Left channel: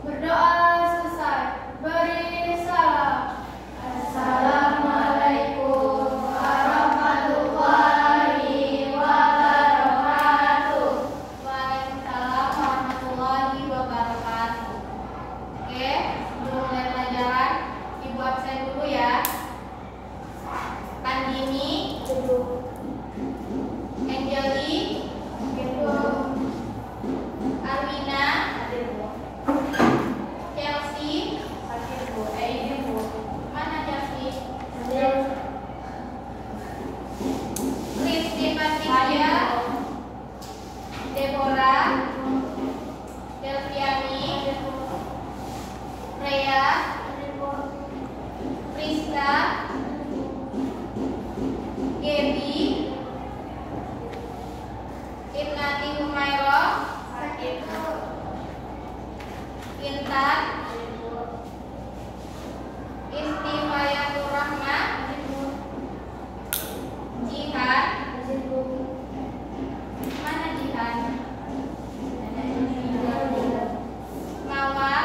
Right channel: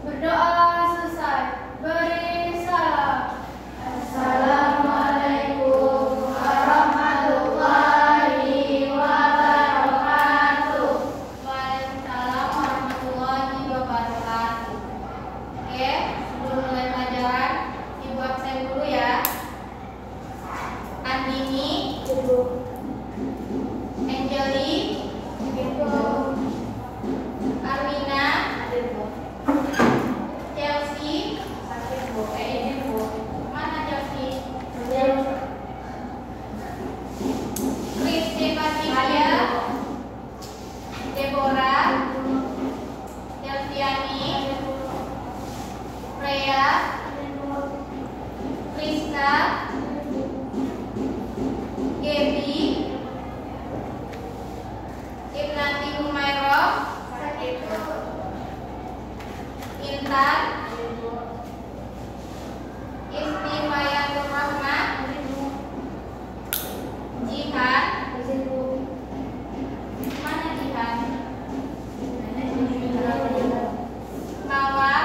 Berdoa selesai. Beri salam. Assalamualaikum warahmatullahi wabarakatuh. Waalaikumsalam warahmatullahi wabarakatuh. Oke, sebelum mulai pelajaran, Ibu absen dulu ya. Andini, Angeli, Arwina, Chelsea, mana Chelsea? Kristi Patricia, Deborah, Delviani, Freya, Priska, Gaby, Ibnati Humairah, Intan, Istifayatur Rahmat, Jihan, mana Jihan? Mawar,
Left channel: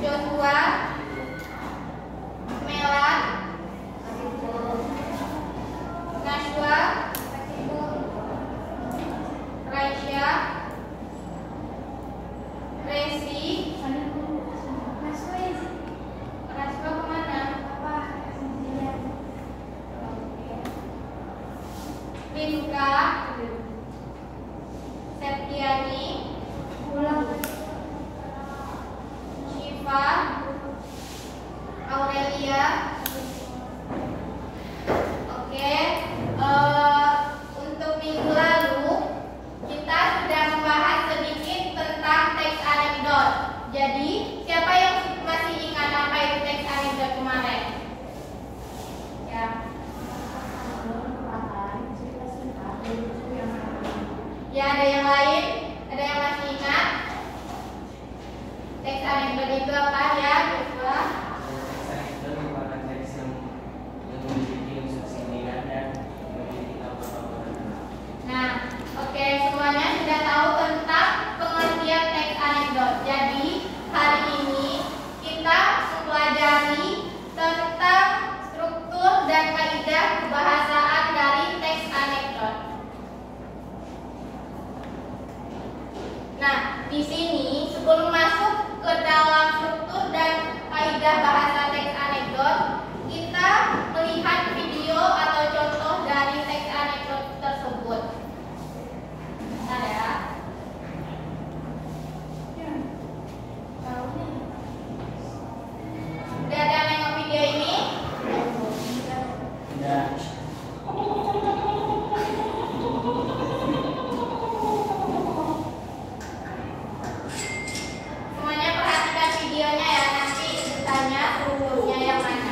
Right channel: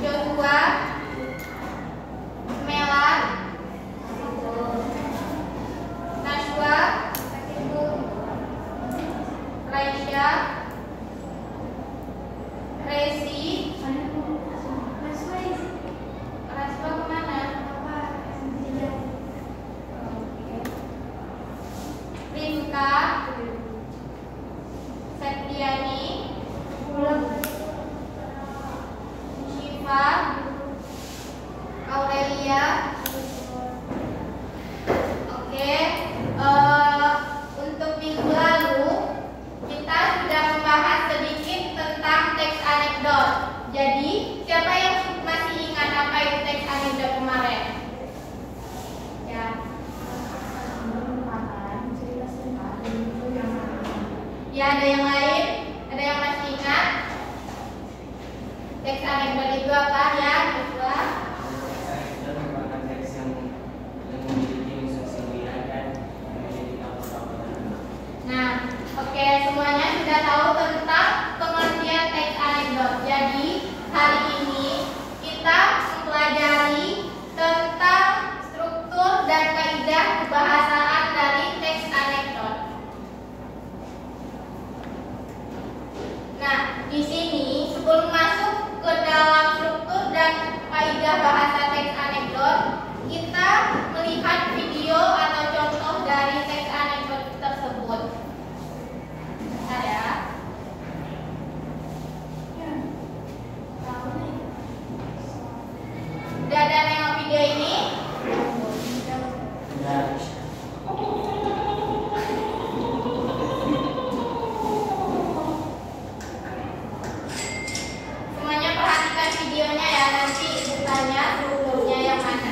Joshua, Melan, Najwa, Raisya, Resi, Raswa kemana? Rinka, Septiani, Syifa, Aurelia. Oke, untuk minggu lalu kita sudah membahas sedikit tentang teks anekdot. Jadi, siapa yang masih ingat apa itu teks anekdot kemarin? Ya. Ya, ada yang lain? Ada yang masih ingat? Teks anekdot itu apa ya? Coba. Nah, oke, semuanya sudah tahu tentang pengertian teks anekdot. Jadi, hari ini kita mempelajari tentang struktur dan kaidah kebahasaan dari teks anekdot. Nah, di sini sebelum masuk ke dalam struktur dan kaidah bahasa teks anekdot, kita melihat video atau contoh dari teks anekdot tersebut. Ada? Udah ada nengok video ini? Semuanya perhatikan videonya ya, nanti ditanya strukturnya yang mana.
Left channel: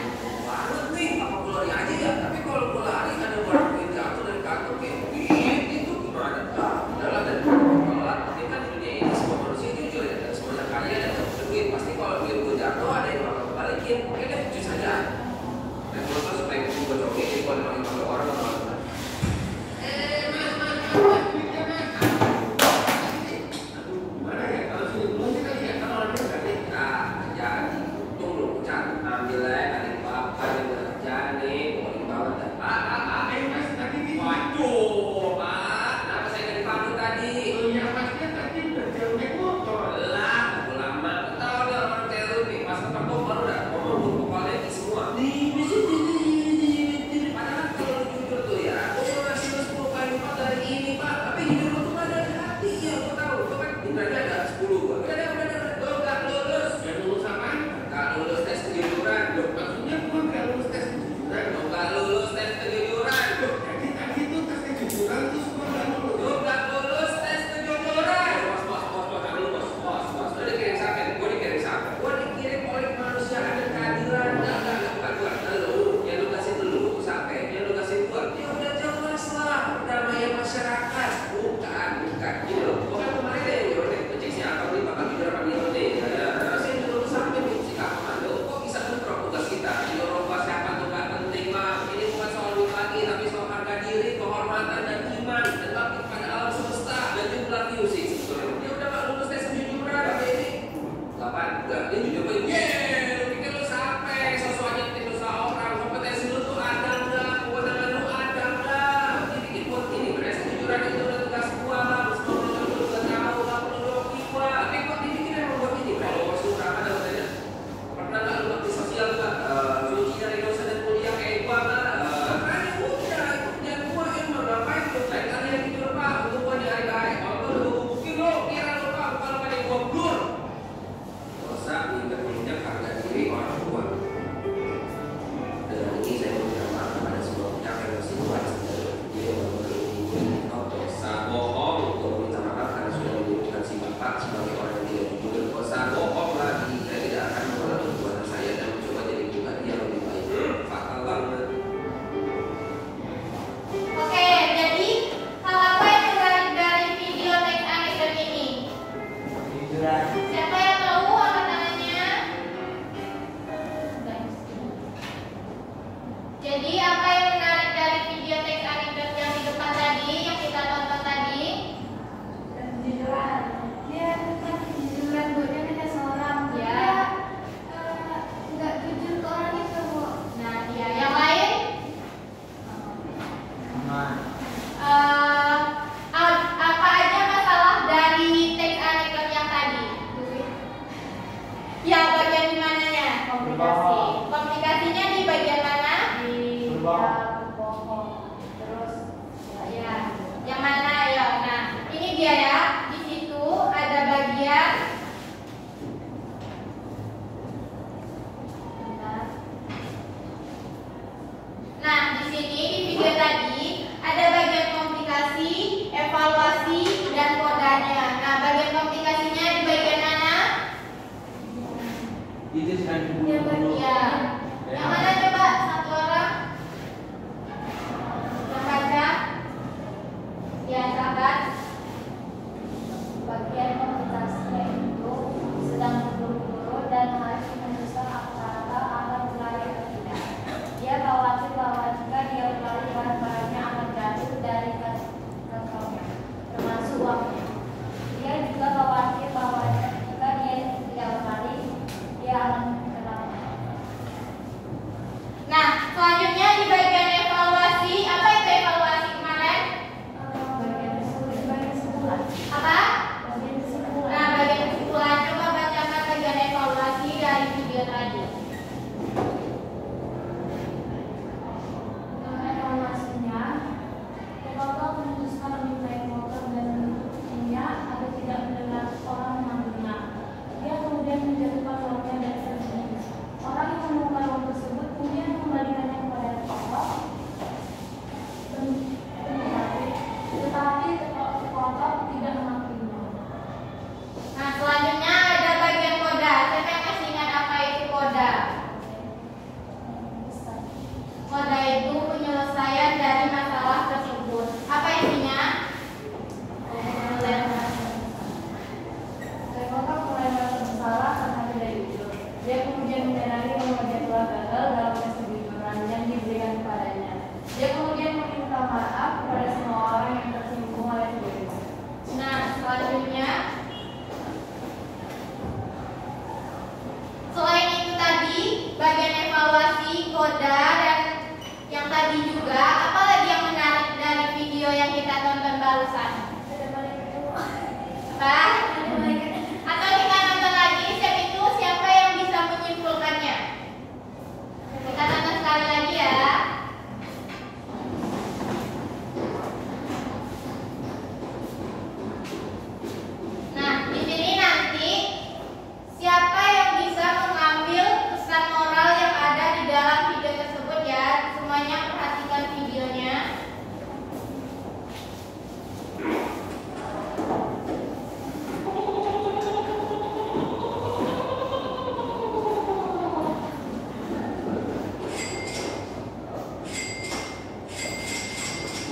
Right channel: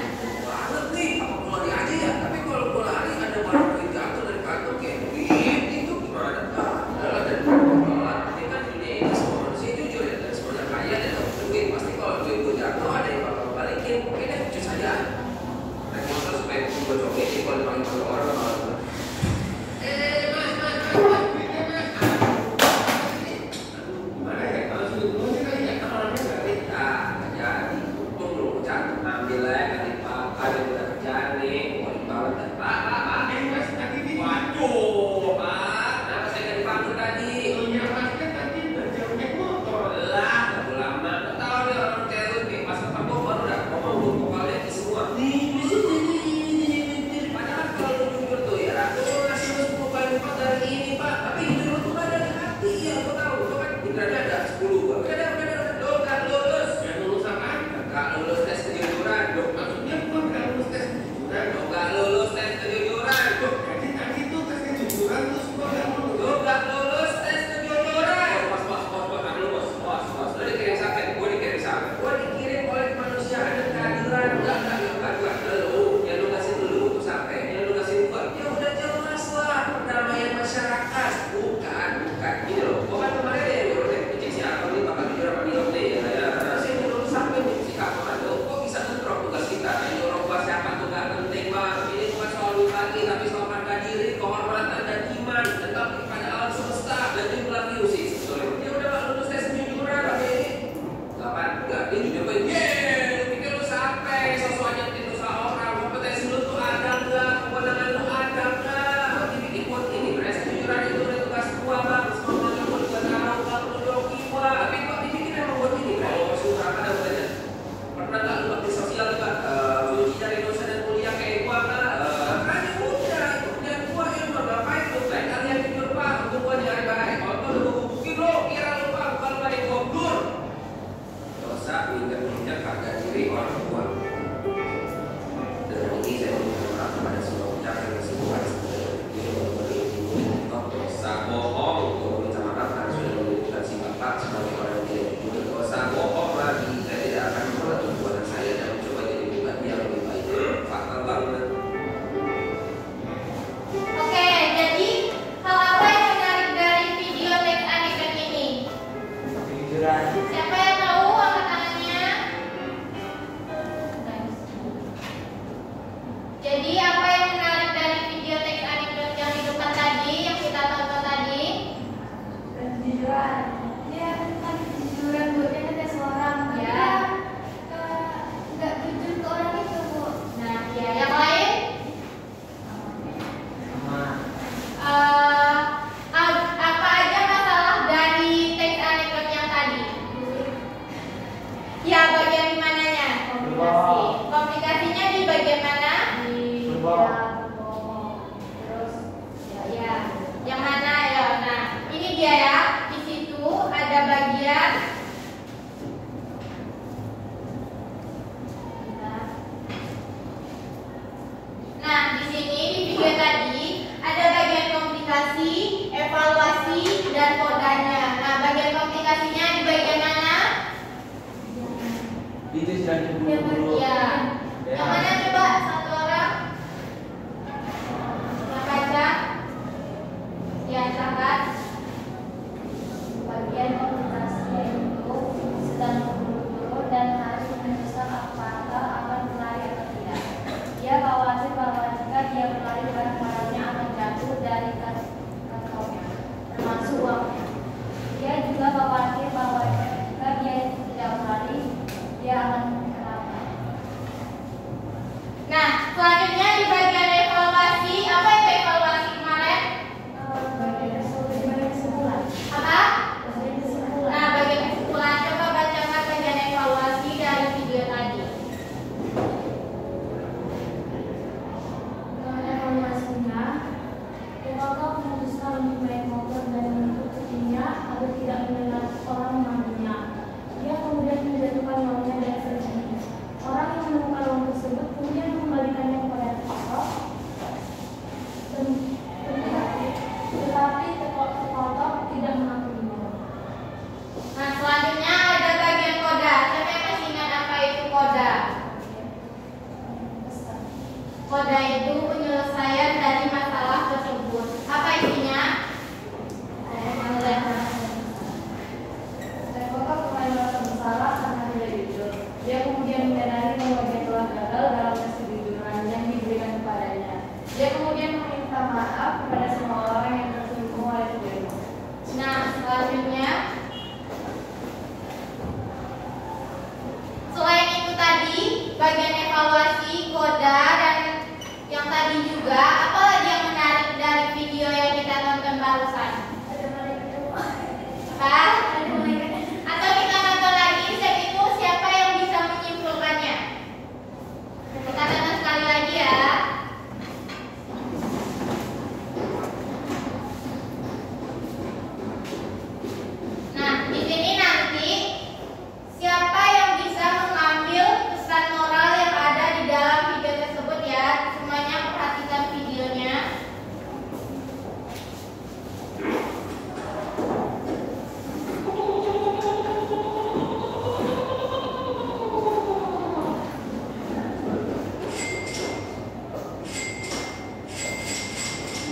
Padahal kalau jujur tuh ya, aku mau ngasih 10 kali lipat dari ini, Pak. Jadi apa yang menarik dari video teks anekdot yang di depan tadi, yang kita tonton tadi? Kejujuran. Dia tentang kejujuran, buatnya ada seorang. Ya. Nggak jujur ke orang itu, Bu. Nah, ya, yang lain? Apa aja masalah dari teks anekdot yang tadi? Ya, bagian di mananya? Komunikasi. Komunikasinya di bagian mana? Berbohong. Terus Ya, yang mana ya? Nah, ini dia ya. Di situ ada bagian. Nah, di sini di video tadi ada bagian komunikasi, evaluasi, dan kodanya. Nah, bagian komunikasinya di bagian mana? Itu sedang Ya. diburu-buru. Yang mana coba satu orang? Yang baca? Ya, silakan. bagian komunikasinya itu sedang berburu-buru dan harus menyusun apakah akan berlari atau tidak. Dia khawatir bahwa jika dia berlari barang-barangnya akan jatuh dari kantongnya, termasuk uangnya. Dia juga khawatir bahwa jika dia tidak berlari, dia akan kenapa. Nah, selanjutnya di bagian evaluasi, apa itu evaluasi kemarin? Bagian kesimpulan. Apa? Bagian kesimpulan. Nah, bagian kesimpulan, coba bacakan bagian evaluasi dari video tadi. Evaluasinya, pemotong memutuskan untuk naik motor dan menutupnya agar tidak mendengar orang memanggilnya. Dia kemudian menjatuhkan uangnya dan pergi. Orang yang menemukan uang tersebut kemudian mengembalikannya kepada toko. Tetapi toko tidak mengakuinya. Nah, selanjutnya ada bagian koda. Siapa yang masih ingat apa itu koda? Koda itu penyelesaian dari masalah tersebut. Apa isinya? Teko mulai merasa bersalah karena tidak jujur. Dia kemudian menyadari bahwa dia telah gagal dalam tes kejujuran yang diberikan kepadanya. Dia kemudian meminta maaf kepada semua orang yang tersinggung oleh video itu. Nah, selanjutnya selain itu tadi bagian evaluasi, koda, dan yang tadi juga, apa lagi yang menarik dari video yang kita tonton barusan? Ada malaikat. Apa? Ada malaikat. Atau kita nonton lagi, step itu siapa yang bisa menyimpulkannya? Kita tonton sekali lagi ya. Nah, di sini nanti siapa yang bisa mengambil pesan moral yang ada di dalam video tersebut ya? Semuanya perhatikan videonya.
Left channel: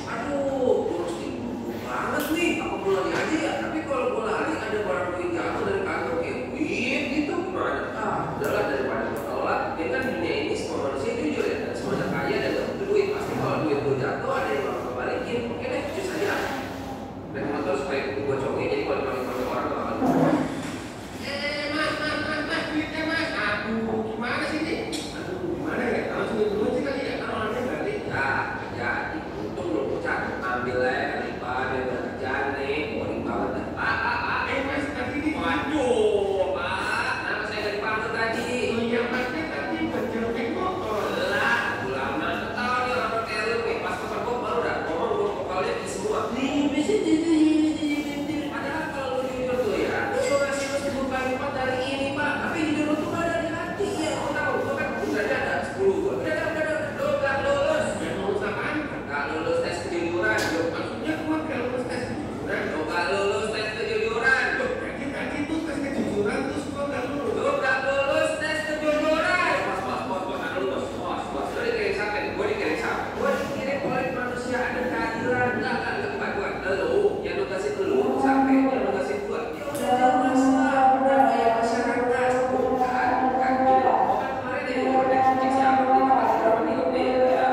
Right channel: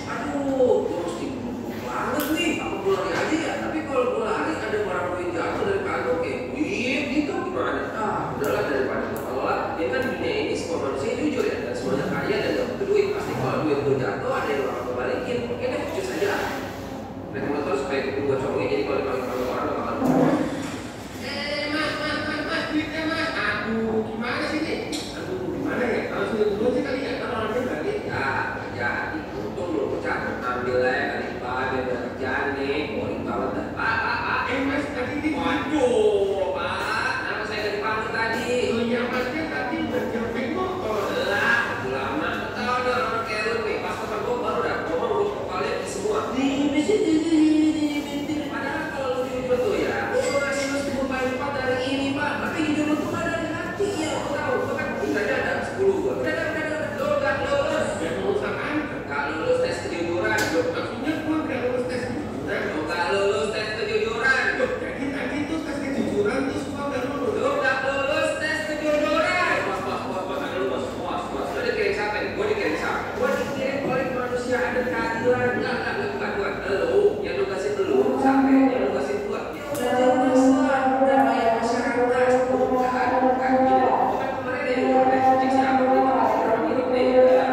Aduh, mesti buru banget nih. Apa gue lari aja ya? Tapi kalau gue lari ada barang gue yang jatuh dari kantong kayak duit gitu gimana? Udahlah daripada gue telat. Dia kan dunia ini semua manusia jujur ya, dan semuanya kaya dan gak butuh duit. Pasti kalau duit gue jatuh ada yang bakal gue balikin. Oke deh, cus aja. Naik motor supaya gue cowoknya jadi kalau dipanggil orang gak bakal Mas, duitnya mas. Aduh, gimana sih nih? Aduh, gimana ya? Kalau sudah dulu sih kali ya, kan orangnya balik. ya, jadi untung lu ucap ambil aja kali Pak, biar gak kerjaan nih. Boring banget dah. Mas, tadi ini. Waduh, Pak, kenapa saya gak dipanggil tadi? Oh iya, masnya tadi berjerobek motor. Lah, ulama, tahu ada orang kayak lu nih, pas kata gue baru dah ngomong lu kepalanya di semua. Padahal kalau lu jujur tuh ya, lu ngasih lu 10 kali lipat dari ini Pak, tapi jujur lu tuh gak ada di hati ya. Lu tahu, gue kan udah ada 10 gue. Udah, lu gak lulus. Gak lulus apaan? Gak lulus tes kejujuran. Maksudnya gue gak lulus tes kejujuran. Lu gak lulus tes kejujuran. Jadi tadi tuh tes kejujuran terus gue gak lulus. Lu gak lulus tes kejujuran. Bos, ada lu bos. Lu dikirim siapa nih? Gue dikirim siapa? Gue dikirim oleh manusia ada keadilan. Enggak, bukan. Lu, yang lu kasih lu siapa? Yang lu kasih gua. Ya udah jauh semua. Udah kayak masyarakat. Bukan. Gini loh. Kan kemarin ada yang cek siapa? Ini bakal berapa nih?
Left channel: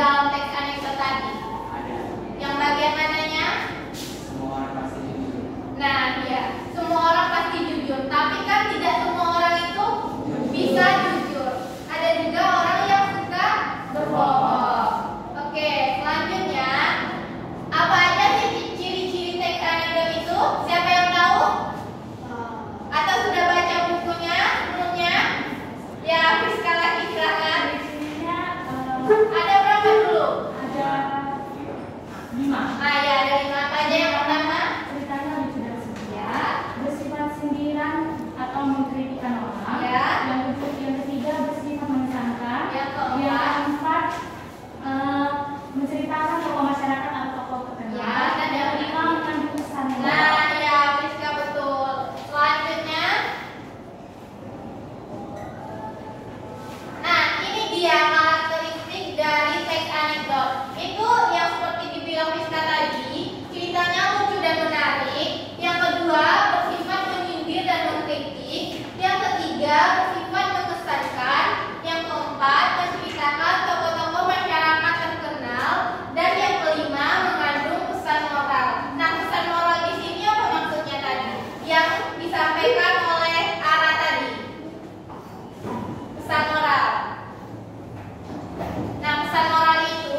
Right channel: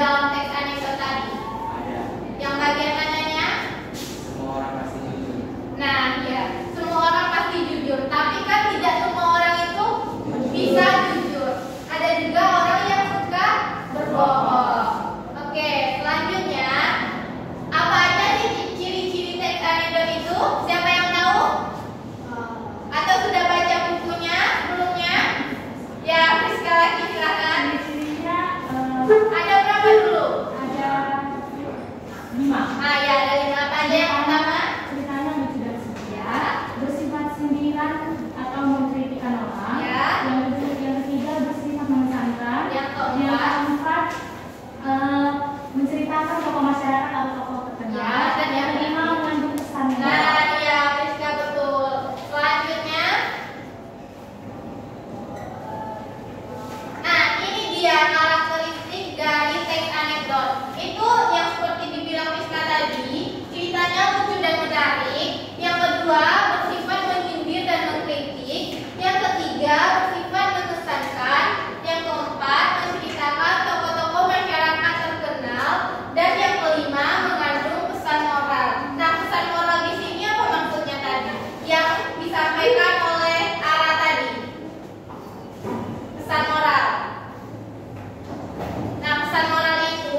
dalam teks anekdot tadi? Ada. Yang bagian mananya? Semua orang pasti jujur. Nah, ya, semua orang pasti jujur. Tapi kan tidak semua orang itu bisa jujur. Ada juga orang yang suka berbohong. Oke, selanjutnya apa aja sih ciri-ciri teks anekdot itu? Siapa yang tahu? Atau sudah baca bukunya sebelumnya? Ya, Friska lagi silakan. Ciri-cirinya Ada berapa dulu? ada 5. Ah ya, ada 5 apa aja? Yang pertama, Ceritanya lucu dan setia, bersifat sindiran atau mengkritikkan orang. Ya. Yang ketiga bersifat mengesankan. Yang keempat. Yang keempat menceritakan tokoh masyarakat atau tokoh terkenal. Ya, dan yang yang kelima mengandung pesan moral. nah ya, Friska betul. Selanjutnya, nah ini dia karakteristik dari teks anekdot. Itu yang seperti dibilang Friska tadi, ceritanya lucu dan menarik. Yang kedua, bersifat menyindir dan mengkritik. Yang ketiga, bersifat mengesankan. Yang keempat, menceritakan tokoh-tokoh masyarakat terkenal. Dan yang kelima, mengandung pesan moral. Nah, pesan moral di sini apa maksudnya tadi? Yang disampaikan oleh Ara tadi. Pesan moral. Nah, pesan moral itu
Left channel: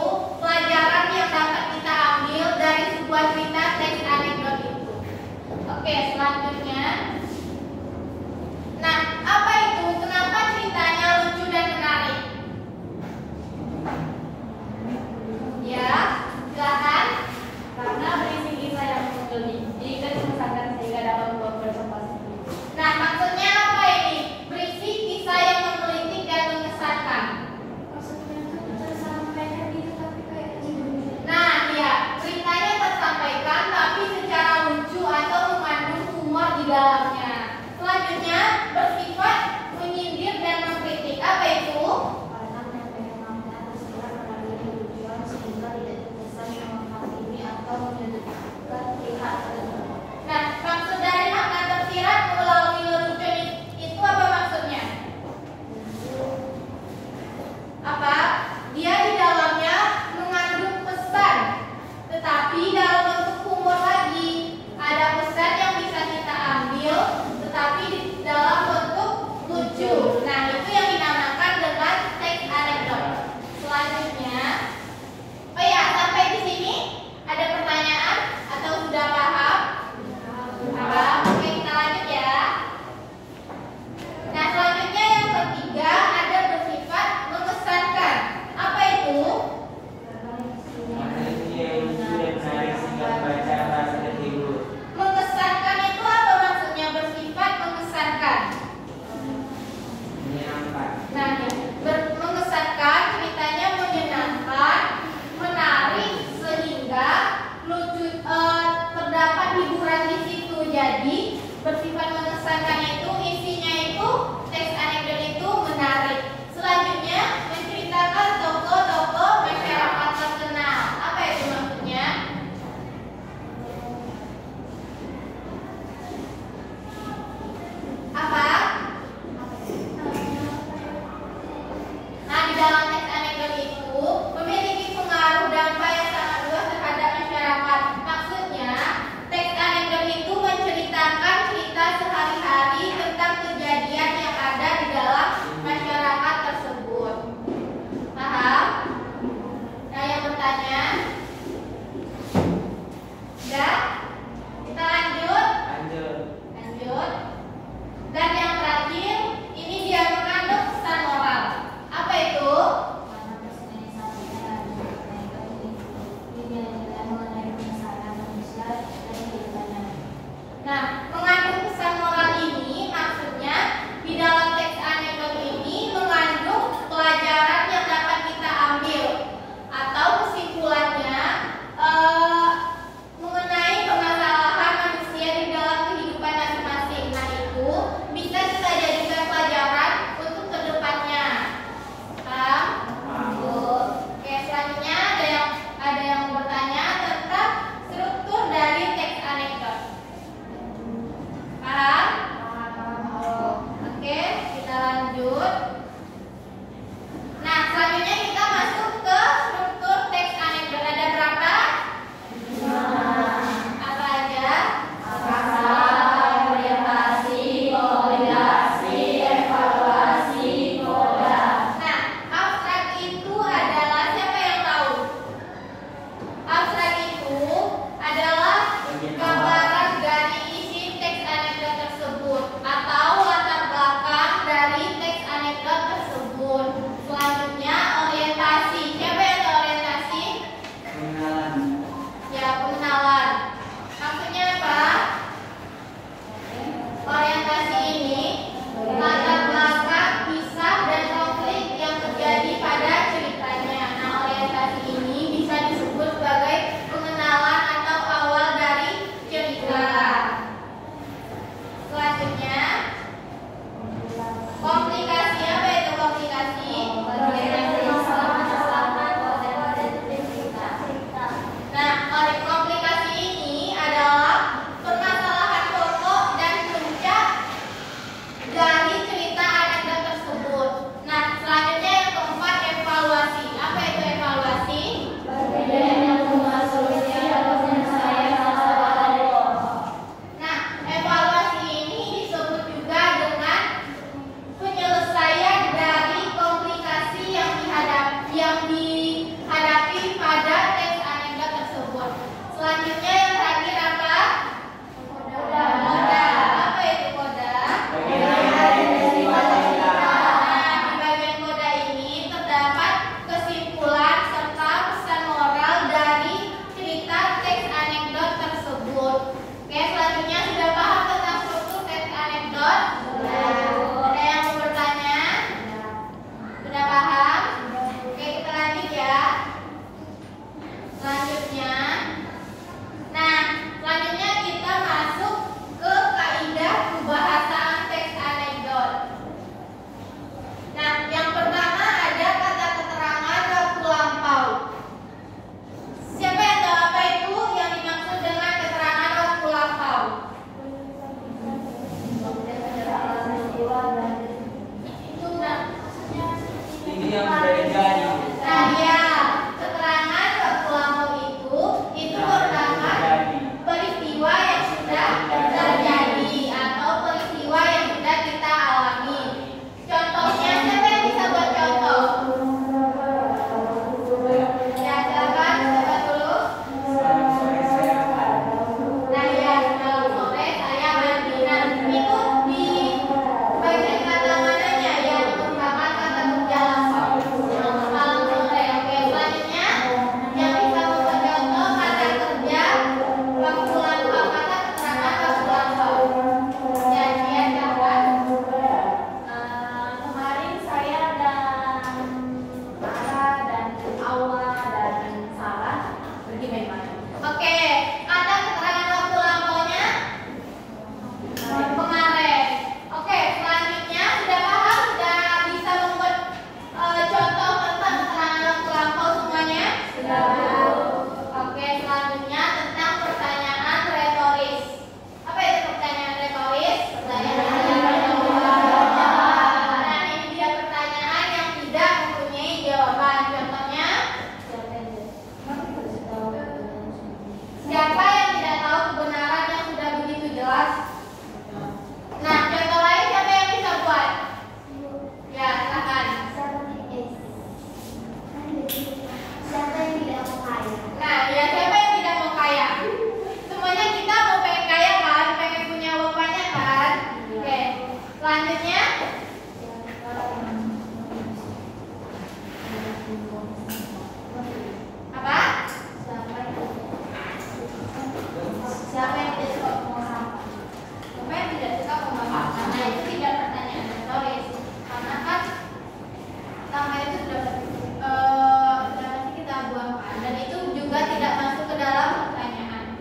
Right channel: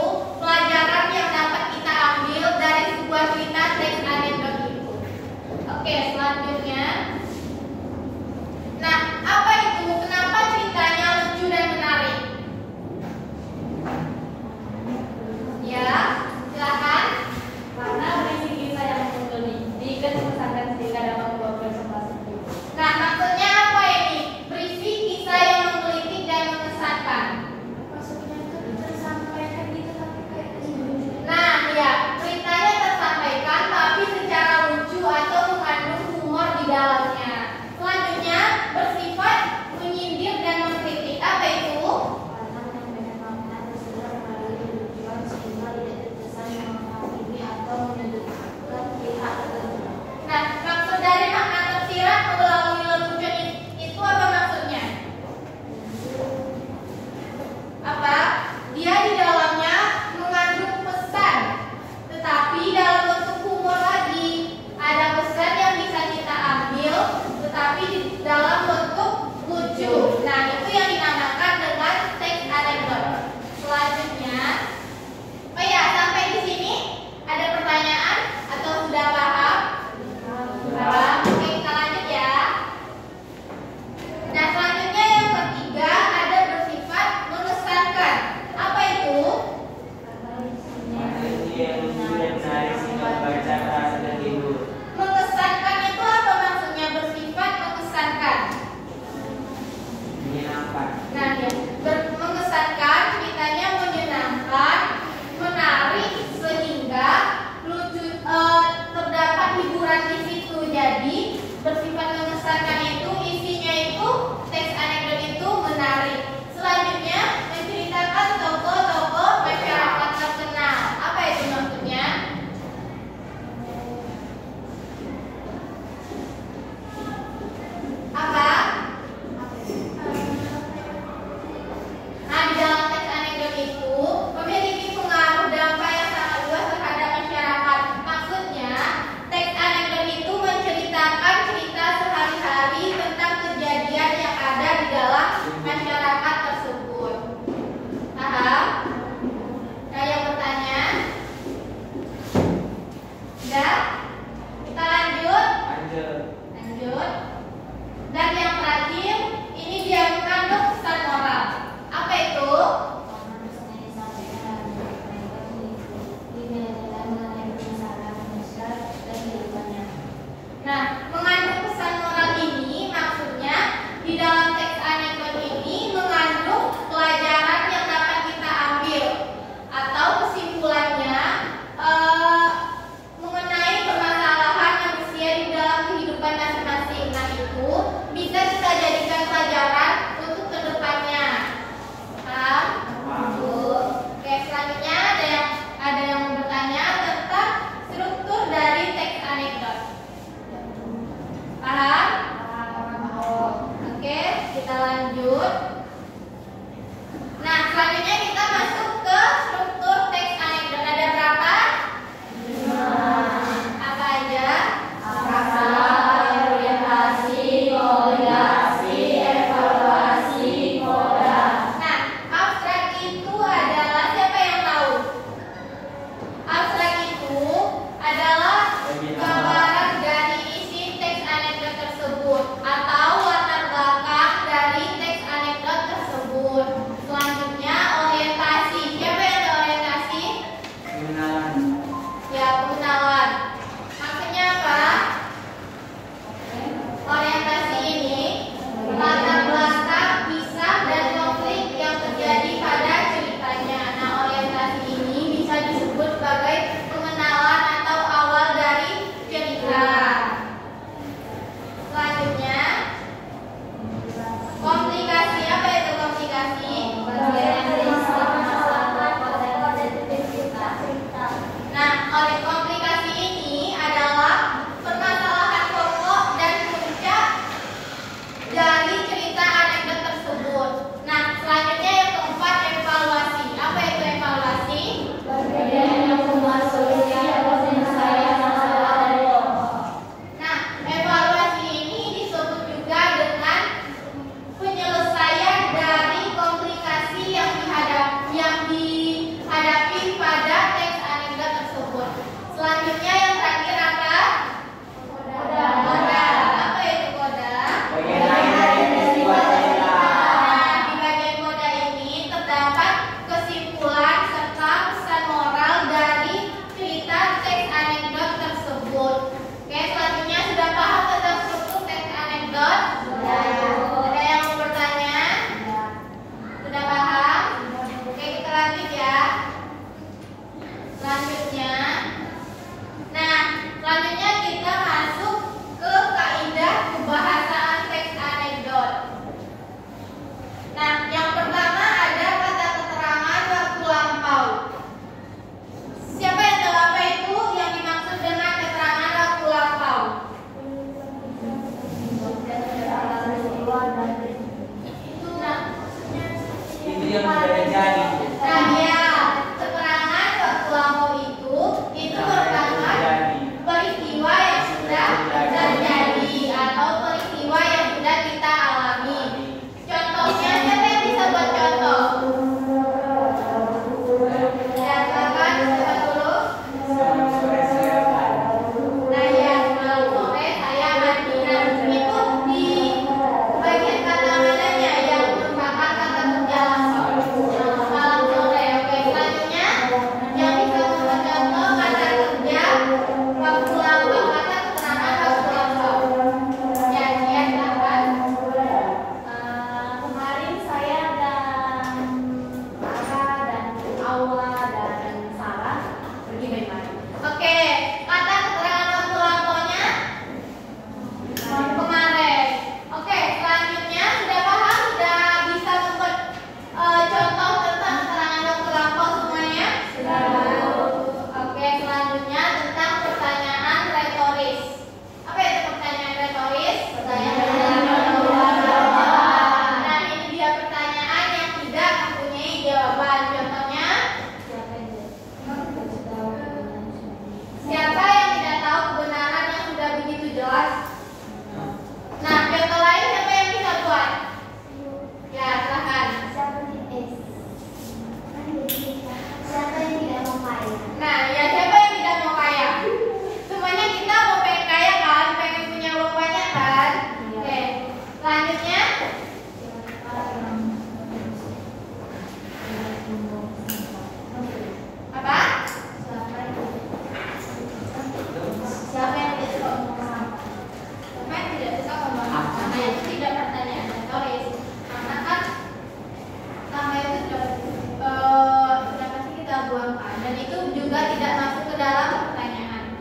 Bapak, dan itu juga tidak masuk ke dalam pertanyaan.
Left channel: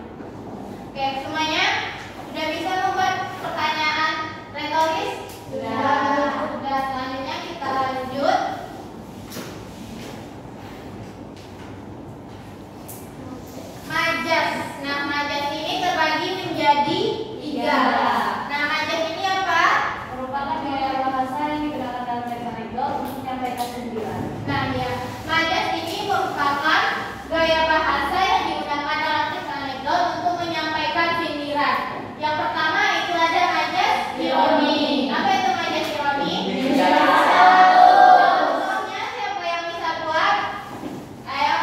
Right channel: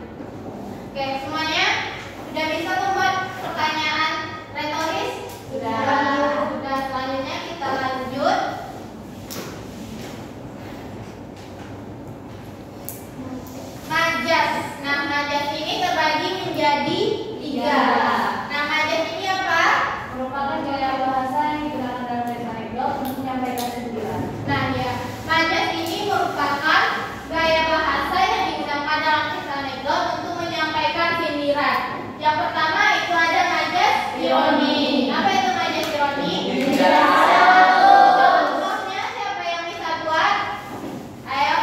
Oke, semuanya sudah bisa membuat pertanyaan retoris? Sudah. Selanjutnya kita lanjut. Majas. Nah, majas ini terbagi menjadi 3. Nah, majas ini apa? Merupakan gaya bahasa yang digunakan dalam teks anekdot untuk menyampaikan sindiran. Nah, ya, majas ini merupakan gaya bahasa yang digunakan dalam teks anekdot untuk menyampaikan sindiran. Yang pertama itu ada majas ironi. Apa itu majas ironi? Contohnya siapa yang bisa buat? Ayo,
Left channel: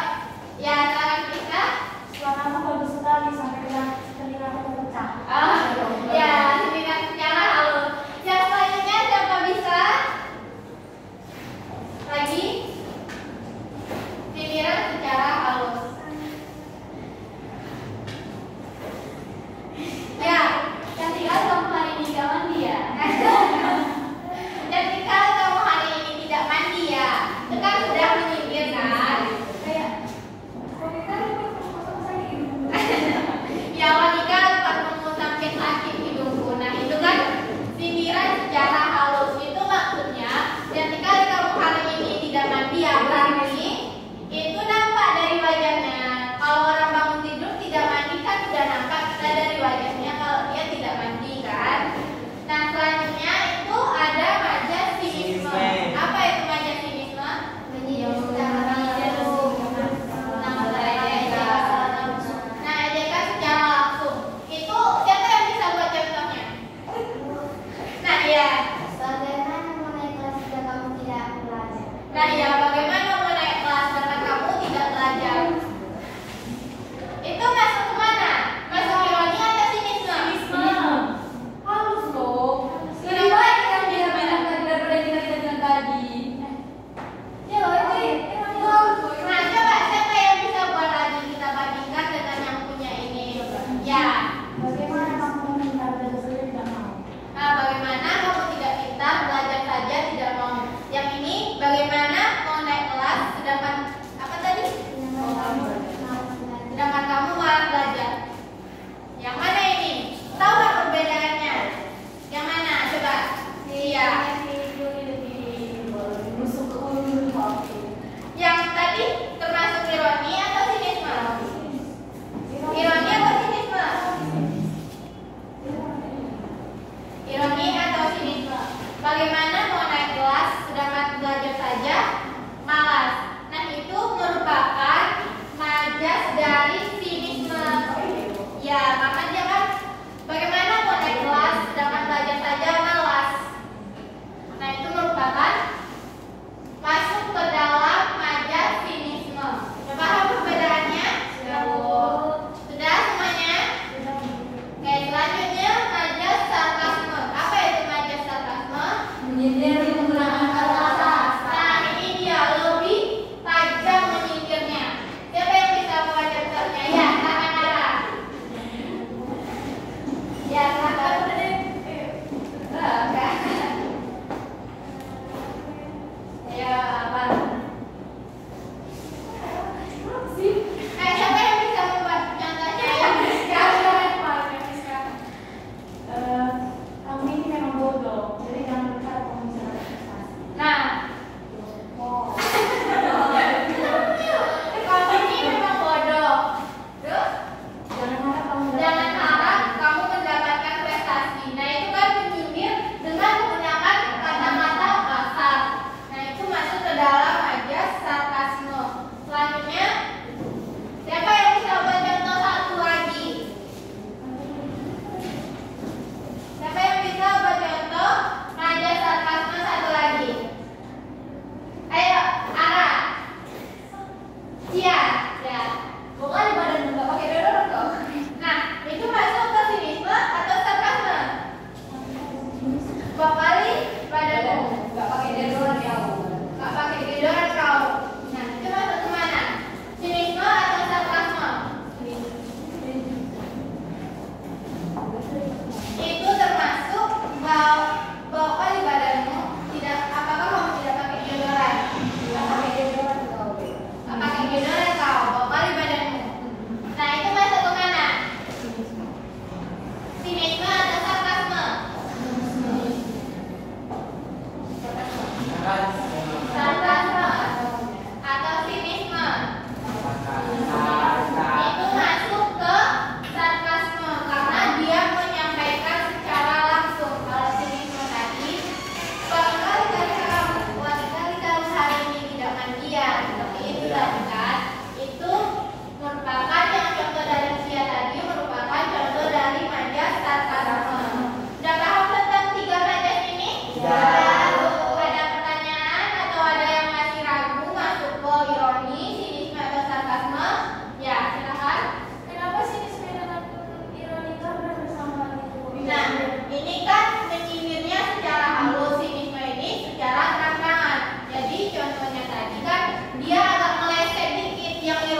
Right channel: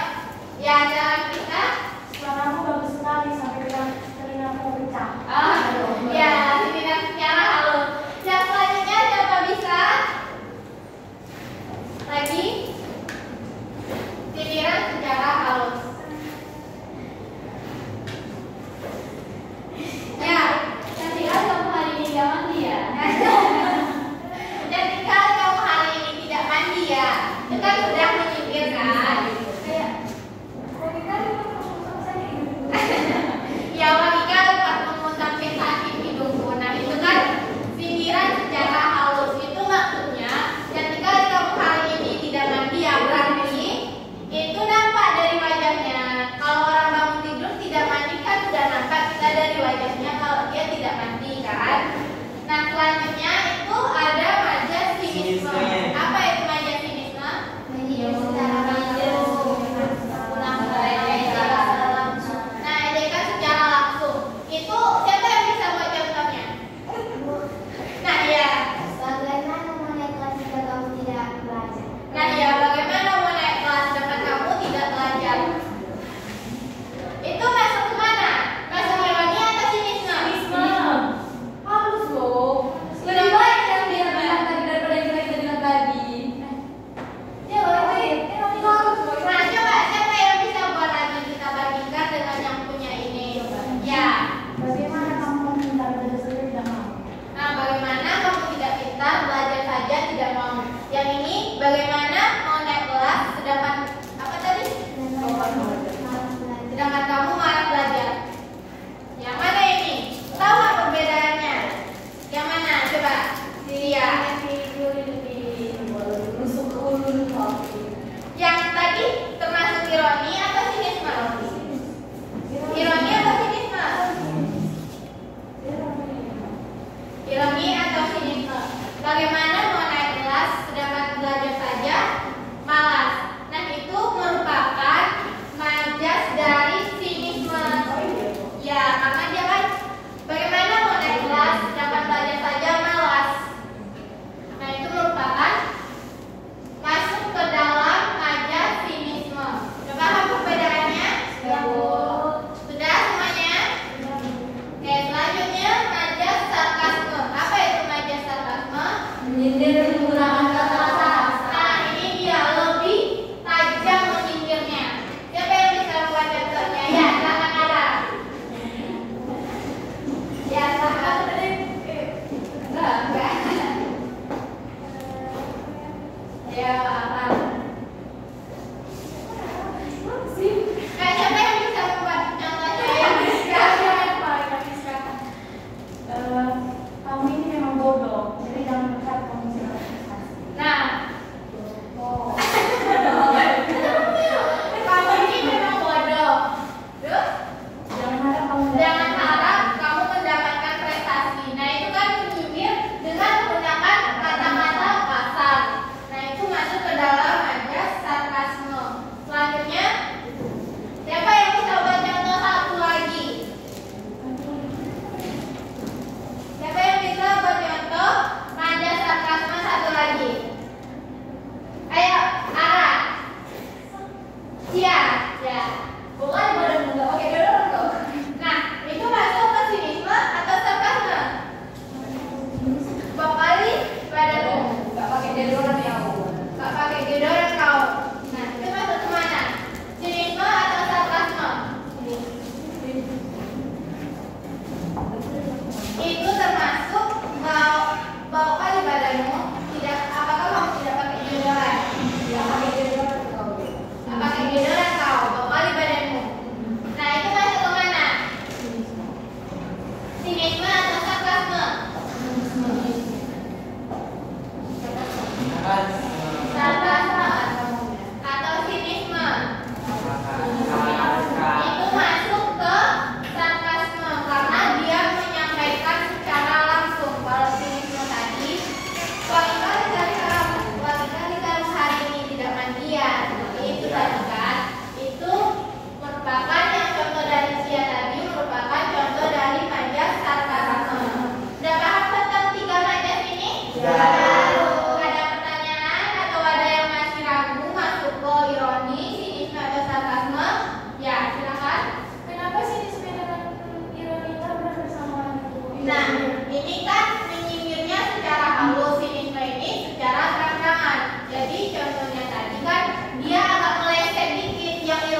ya dalam kita. Suaramu bagus sekali sampai telingaku pecah. Ya,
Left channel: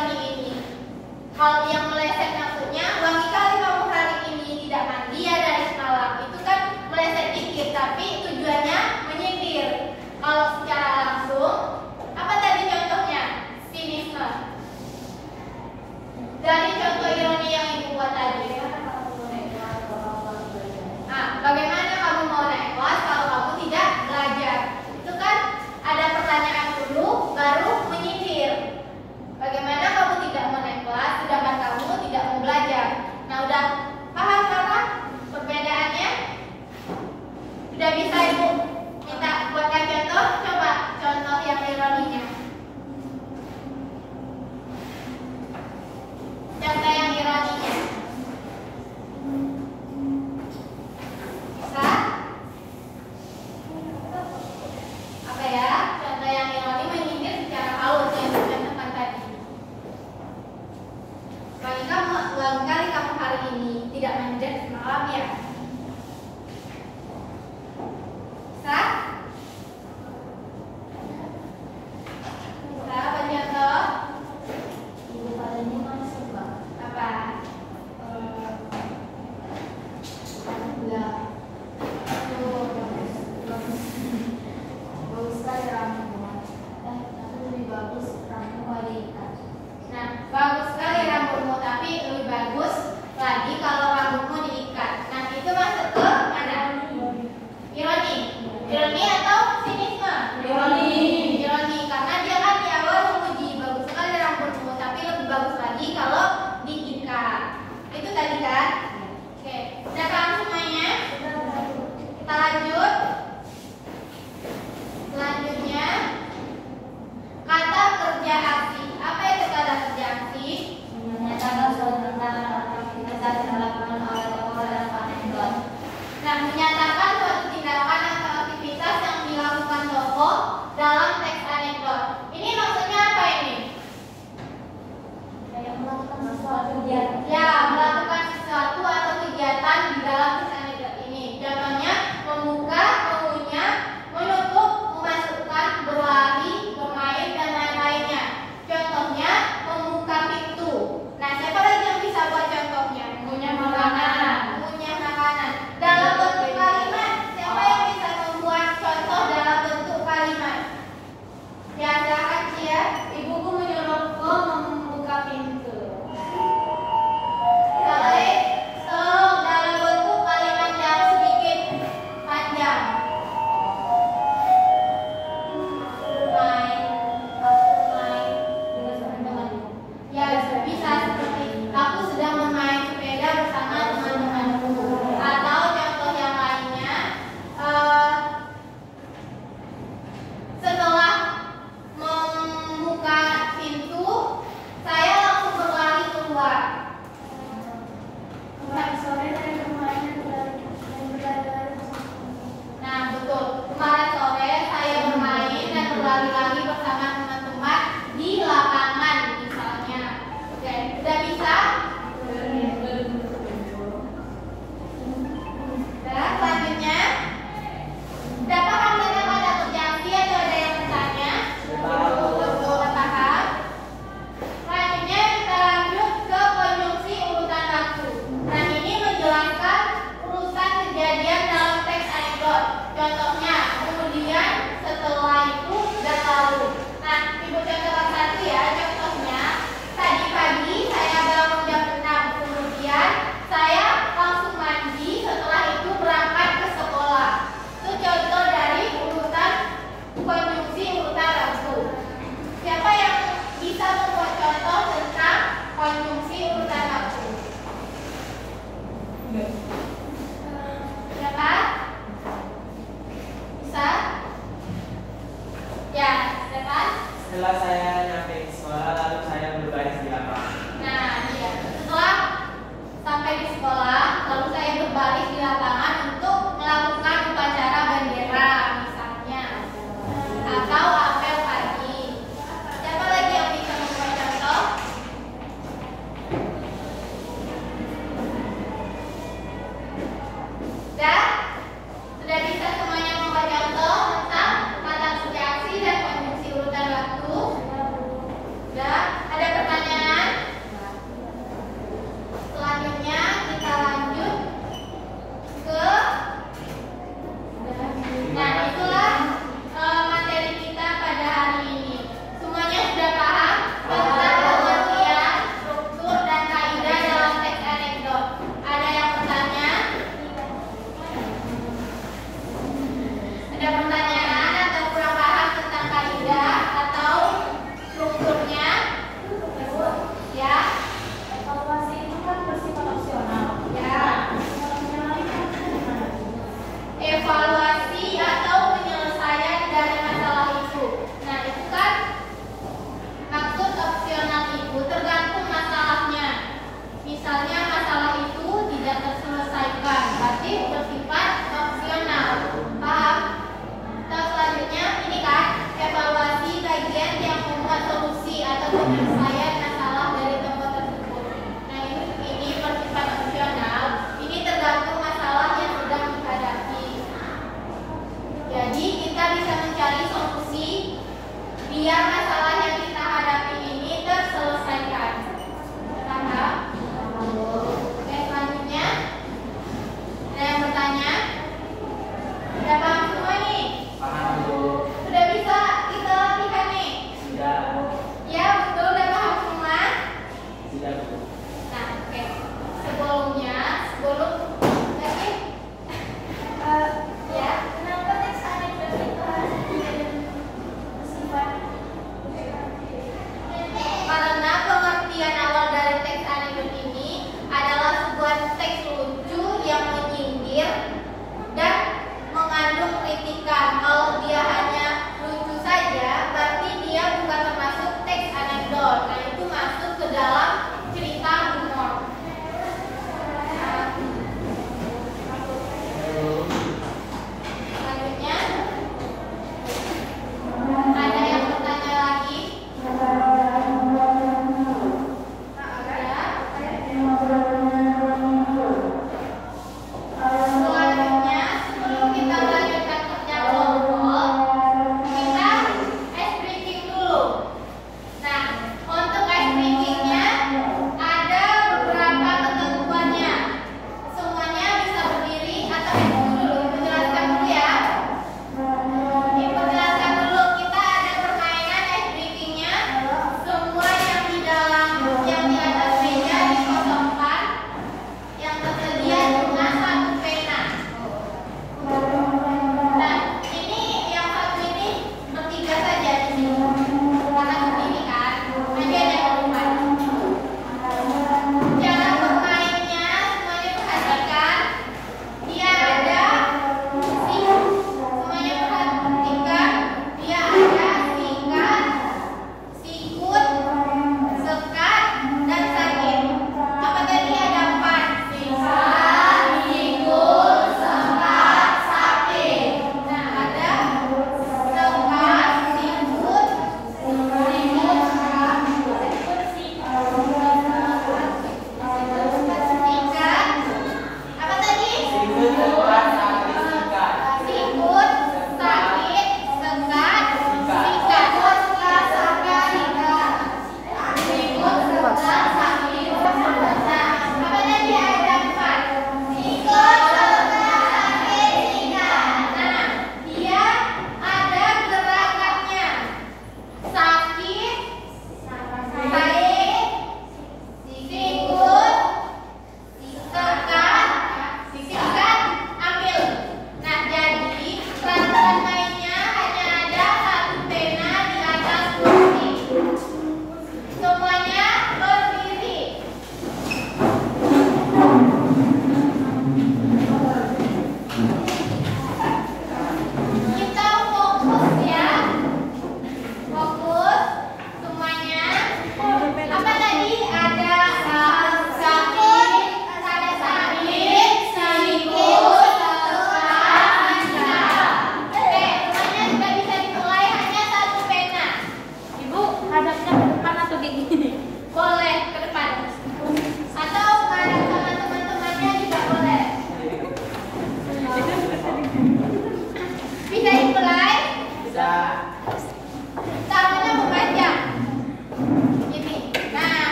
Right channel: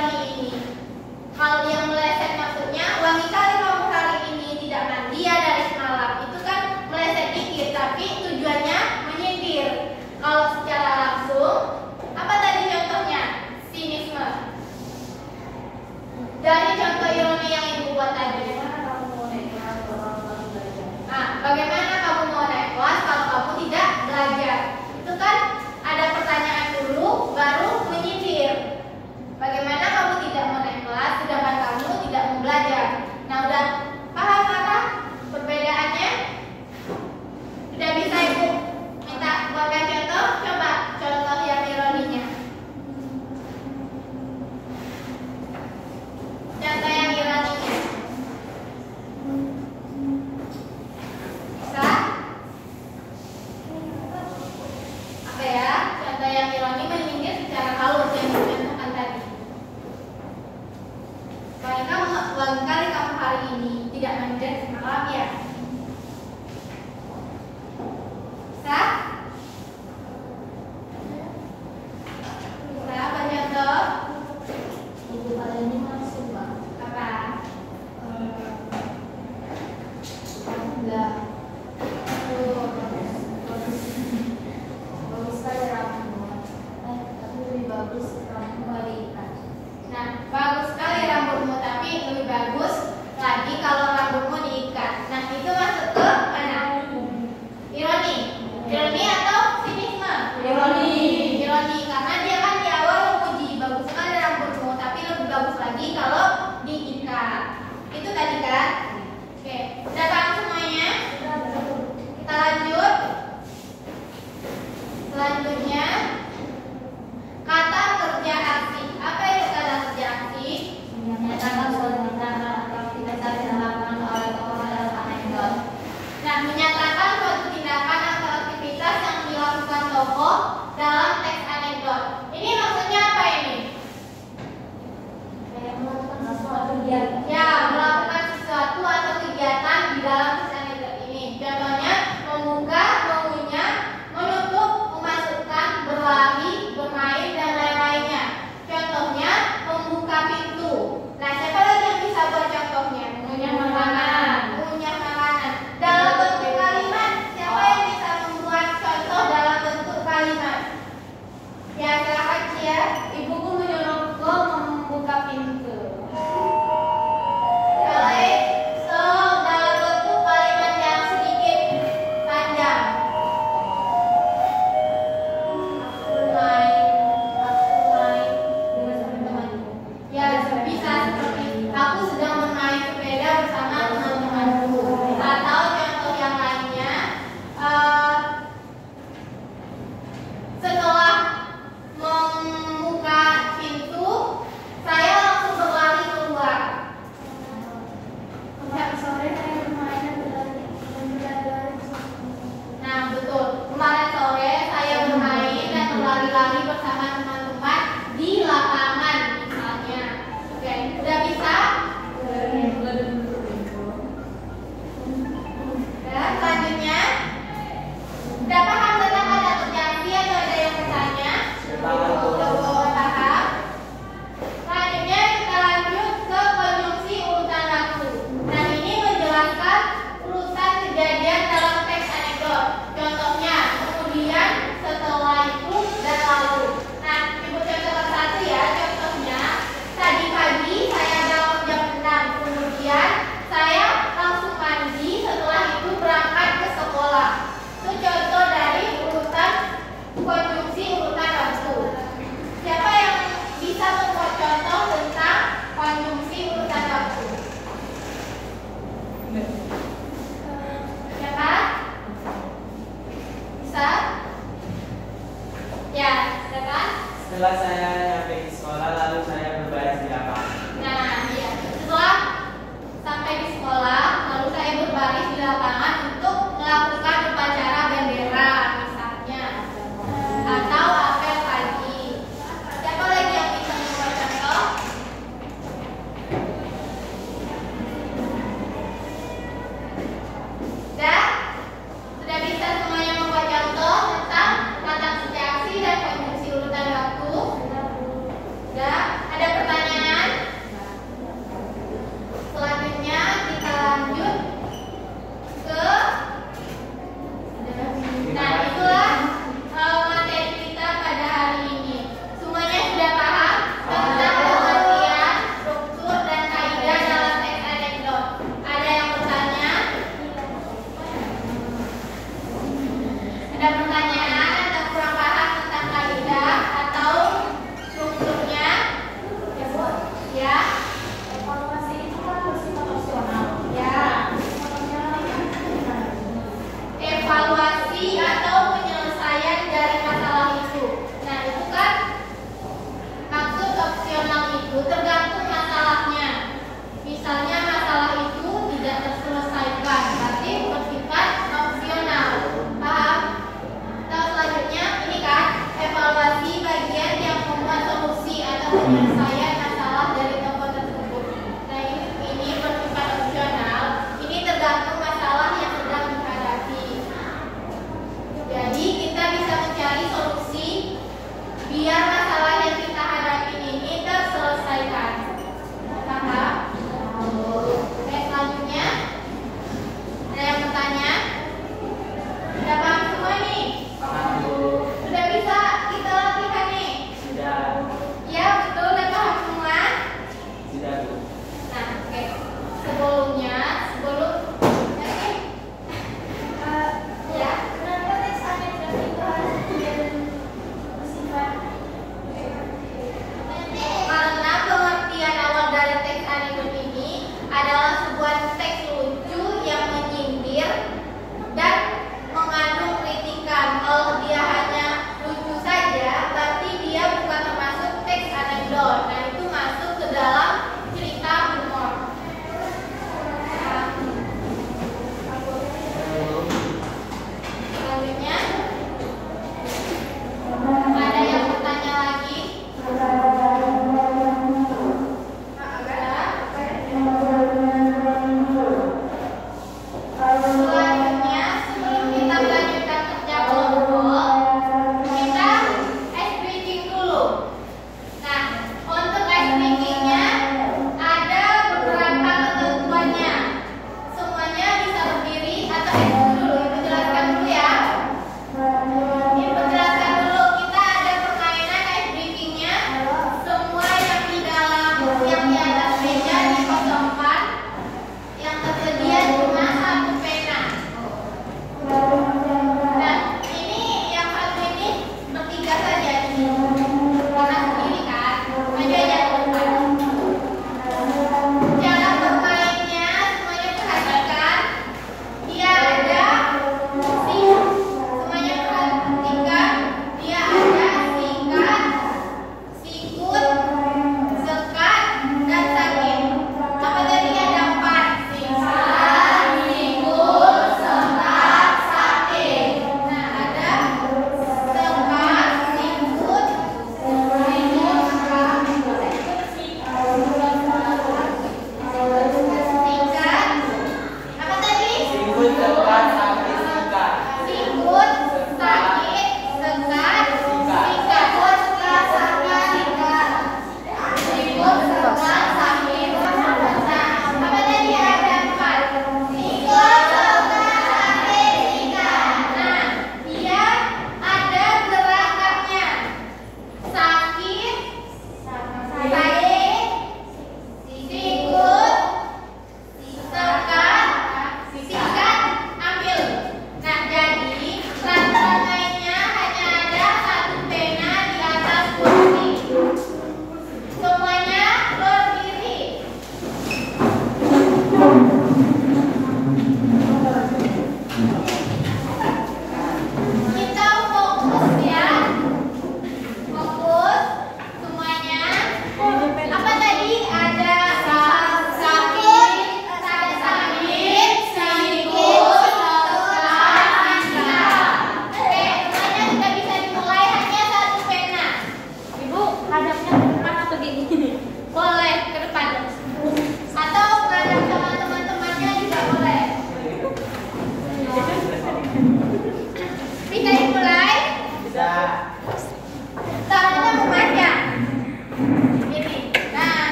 ironi ini. Hal yang meleset maksudnya, wangi kali kamu hari ini tidak mandi ya dari semalam. Itu kan meleset dikit, tapi tujuannya menyindir. Kalau secara langsung, apa tadi contohnya? Sinisme. Dari contoh ironi yang ibu buat tadi. Bagaimana kamu mau naik kelas kalau kamu tidak belajar? Itu kan ada pertanyaan dulu, baru menyindir. Bagaimana kamu tidak mau naik kelas sedangkan kamu tidak mau belajar? Nah, udah paham kan perbedaannya? Udah bisa ibu minta buatkan contoh? Coba contoh yang ironinya. Contoh yang ironinya. Bisa? Apa ya? Contoh yang ironi menyindir secara halus yang dicontohkan tadi. Barangkali kamu hari ini tidak mandi semalam ya? Bisa? Bisa? Apa contoh? Ibu hari ini masuk Mbak. Apa? Enggak. Bagus sekali rambutmu. Tapi lebih bagus rambutmu hari ikan. Nah, bagus sekali rambutmu, tapi lebih bagus lagi kalau rambutmu diikat. Nah, itu masuk ke mana? Ironi. Ironi atau sinisme? Ironi. Ironi, karena dia kan di awal memuji bagus sekali rambutmu, tapi lebih bagus lagi kalau diikat. Itu tadi kan? Oke, udah paham semuanya? Kita lanjut. Selanjutnya, kata kerja aksi. Apa itu kata kerja aksi? Menyatakan suatu tindakan atau aktivitas yang dilakukan oleh tokoh dalam anekdot. Nah, menyatakan suatu tindakan atau aktivitas yang dilakukan tokoh dalam teks anekdot. Ini maksudnya apa ini? Yang melakukan sesuatu dia. Ya, melakukan sesuatu atau kegiatan di dalam teks anekdot ini. Contohnya, membuka, mengunyah, menutup, memasukkan, berlari, bermain, dan lain-lainnya. Contohnya, membuka pintu. Nah, siapa lagi yang bisa buat contohnya? Mengunyah makanan. Mengunyah makanan. Dalam bentuk kalimat, siapa yang bisa membuat contoh dalam bentuk kalimat? Ya, silakan ya. Ibuku menyuruhku membuka pintu. Boleh. So, dalam bentuk kalimat yang sedikit panjang. Ya, bisa seperti aku sedang bermain sepeda bersama teman-temanku. Atau contoh yang lainnya, setelah membuka pintu, saya langsung berlari keluar. Kemarin sore saya bermain berlari. Nah, betul. Kemarin sore saya bermain dan berlari-lari bersama teman-teman di lapangan misalnya. Oke, udah bisa? Dan selanjutnya, udah paham tentang kata kerja aksi atau ada yang bertanya? Udah paham? Selanjutnya kita lanjut ke konjungsi urutan waktu. Nah, ini menjelaskan urutan kejadian dalam teks anekdot. Contohnya, kemudian, setelah itu, dan lalu. Nah, ibu contohkan satu ya. Contohnya, tadi pagi saya bangun jam 6. Kemudian saya langsung mandi. Setelah itu berangkat ke sekolah. Itu contoh dari urutan konjungsi urutan waktu. Siapa yang bisa membuat contoh tentang konjungsi urutan waktu? Siapa? Bisa? Ya, siapa? Setelah saya nyampe di sekolah, lalu saya berbaris di lapangan. Nah, iya. Setelah sampai di sekolah, lalu saya berbaris di lapangan untuk melakukan upacara bendera misalnya, atau apel pagi. Siapa lagi yang bisa membuat contoh?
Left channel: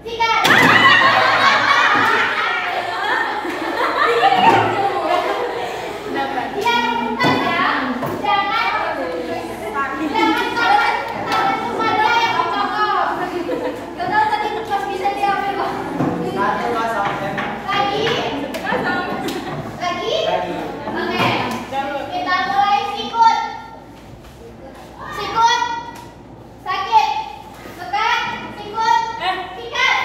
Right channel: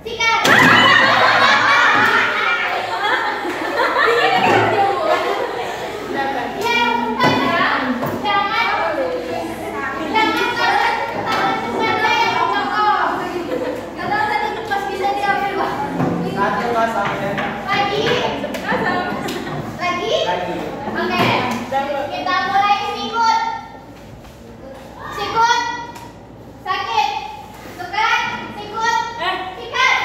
Sikat. Ya, bukan ya. Jangan tangan semuanya yang kokoh. Kalau tadi pas bisa diambil. Satu kosong. Lagi. Lagi. Oke. Kita mulai sikut. Sikut. Sakit. Suka. Sikut. Sikat.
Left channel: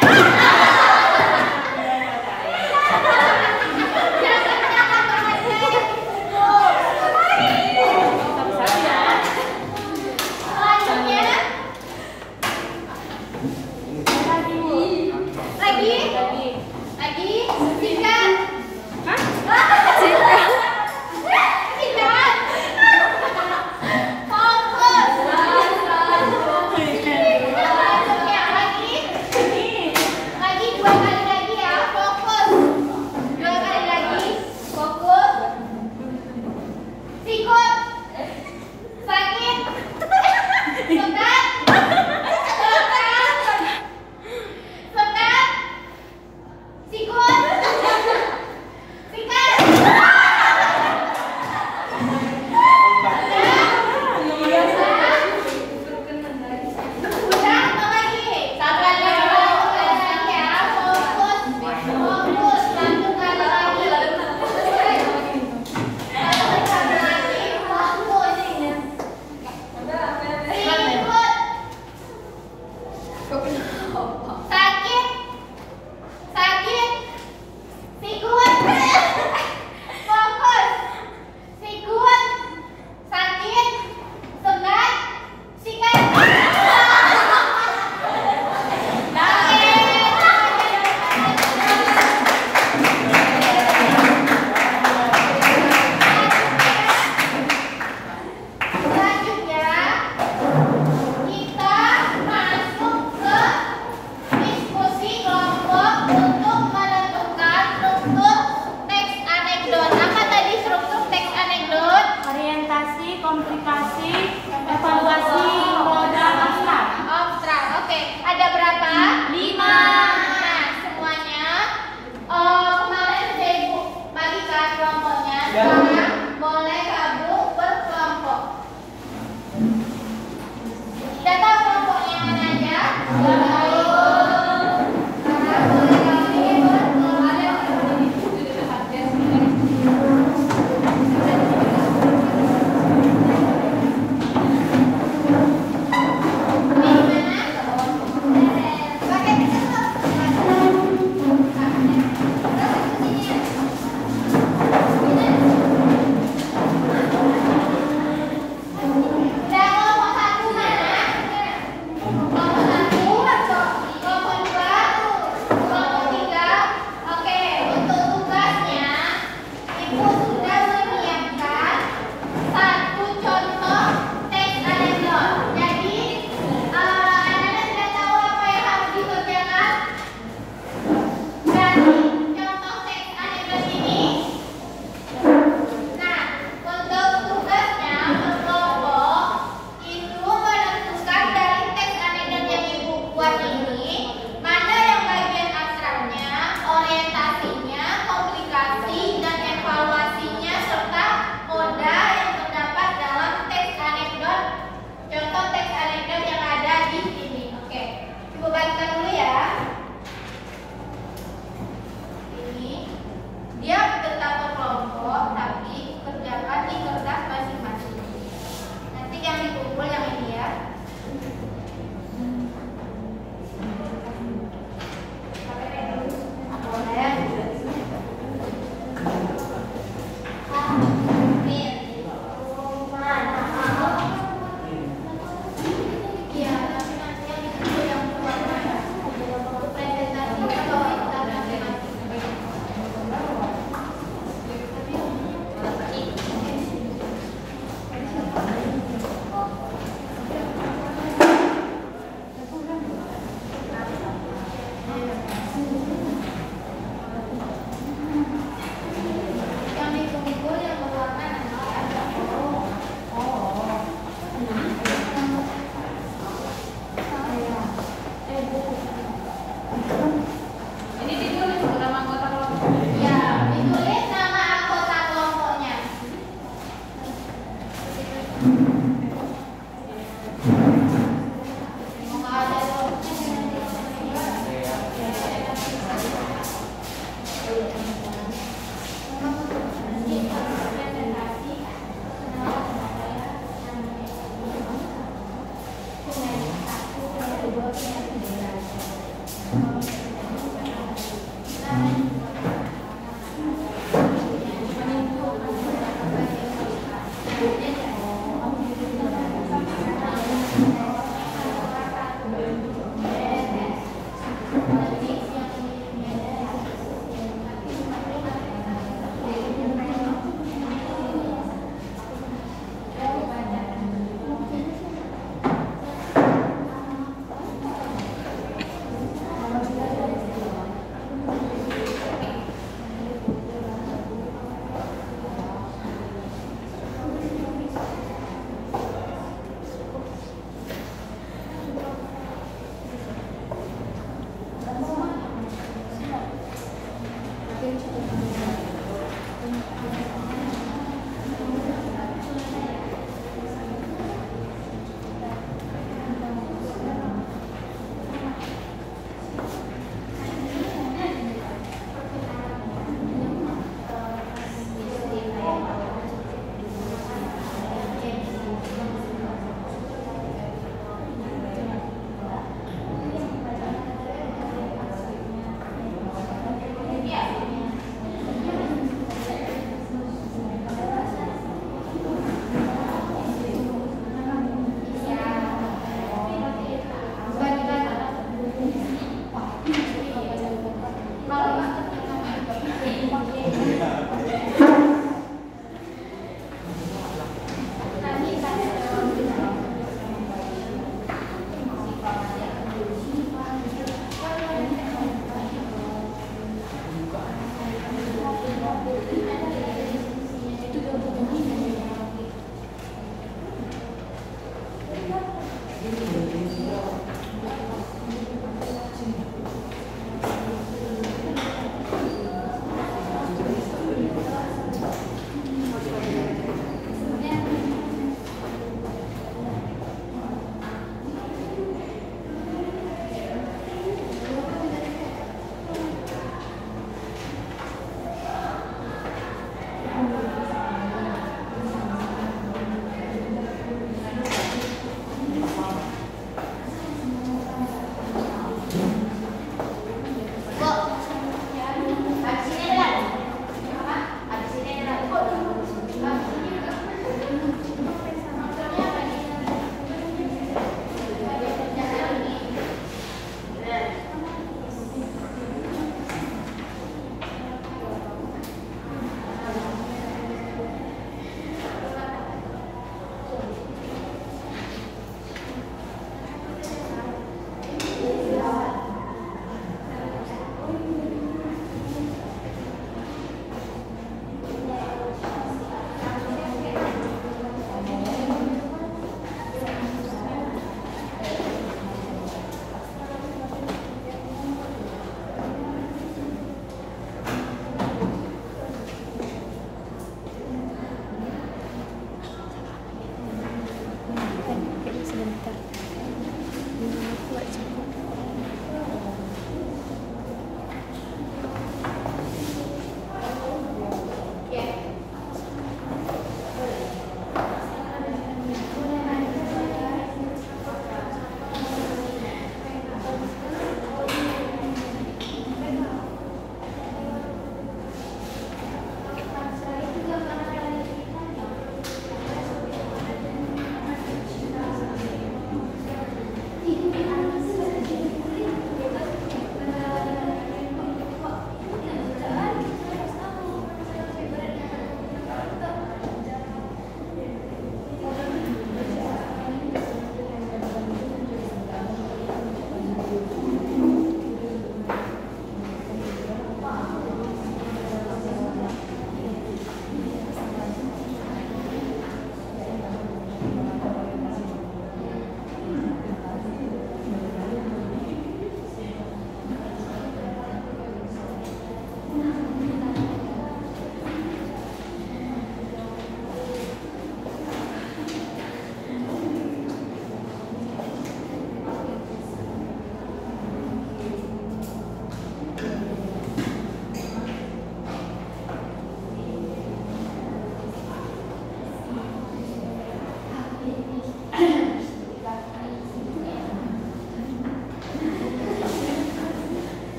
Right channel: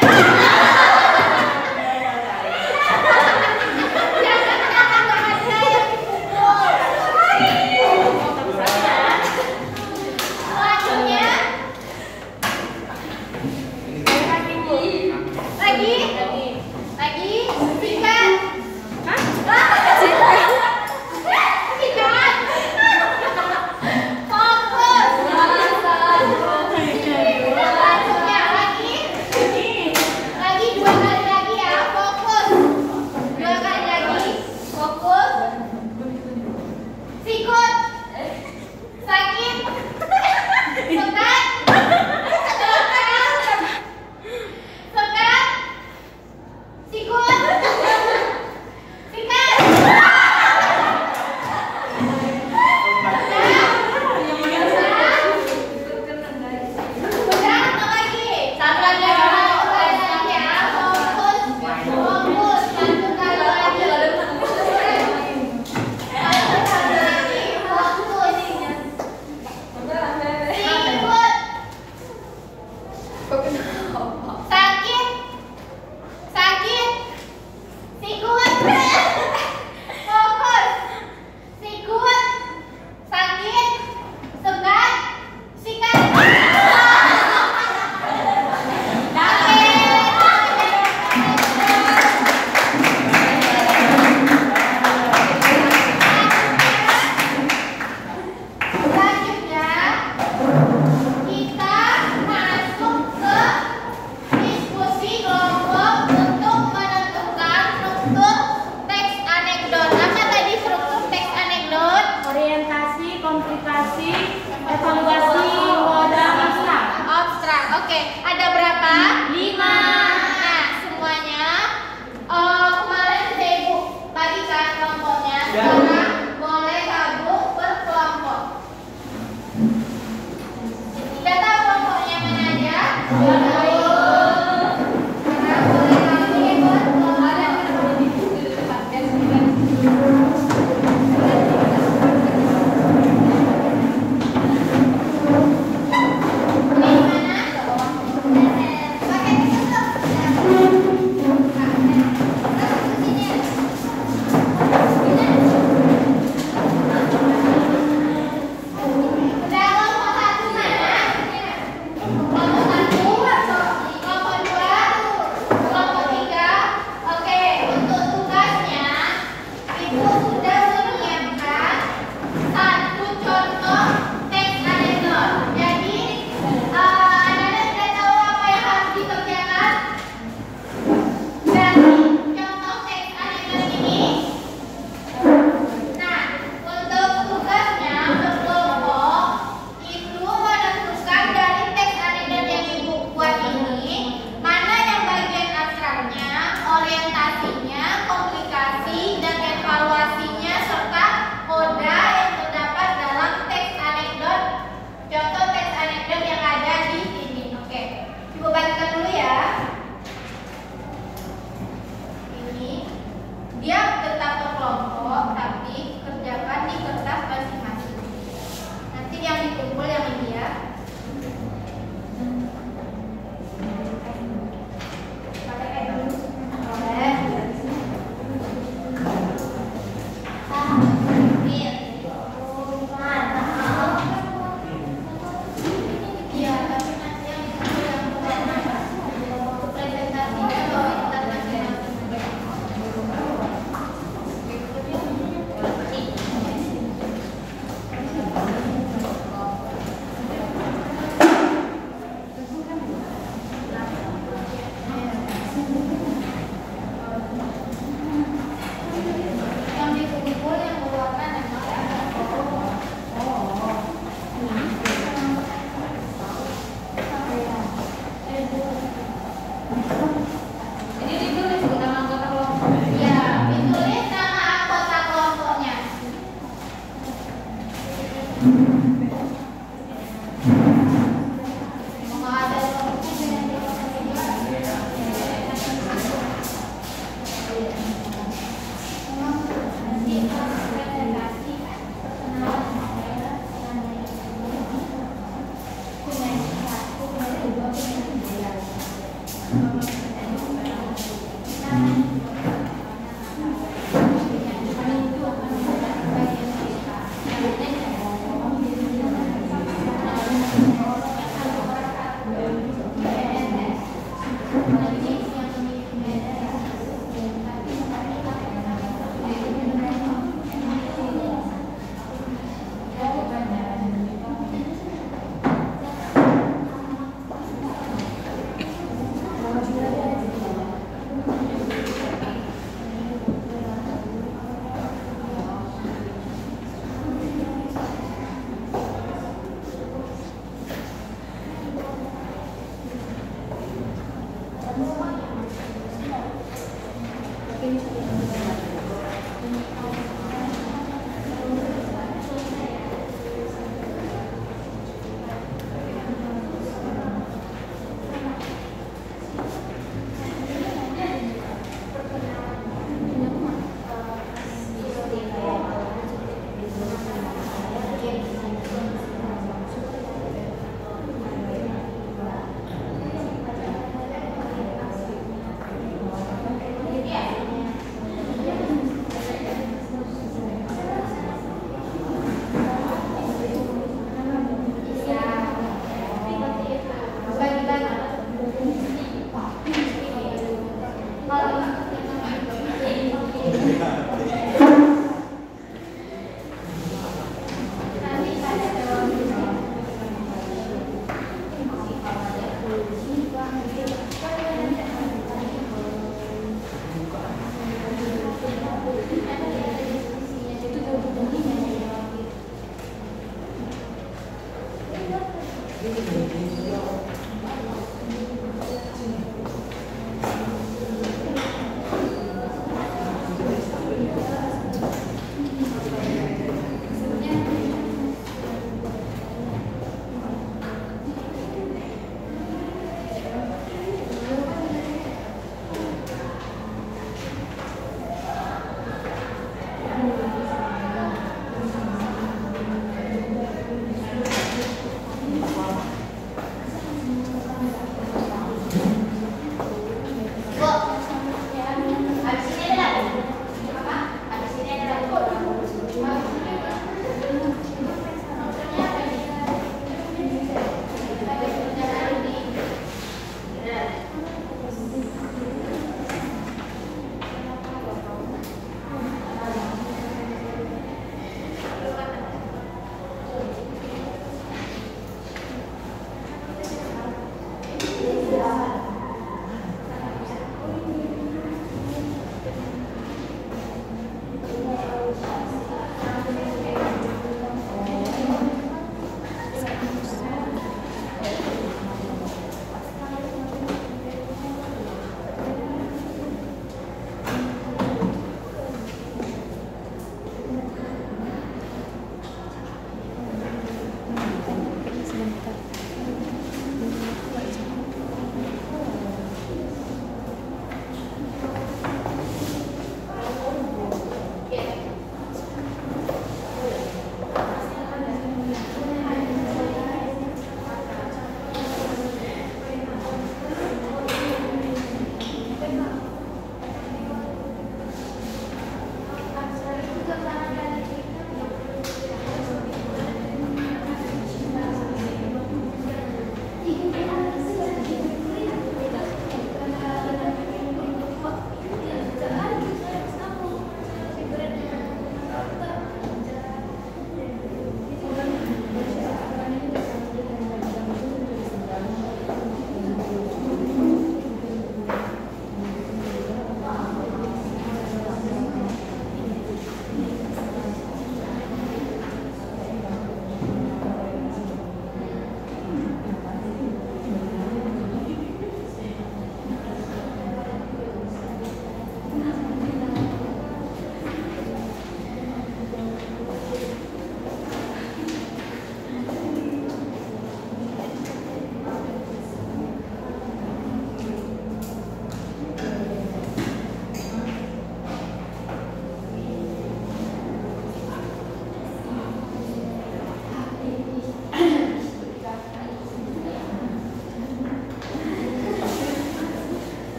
Semua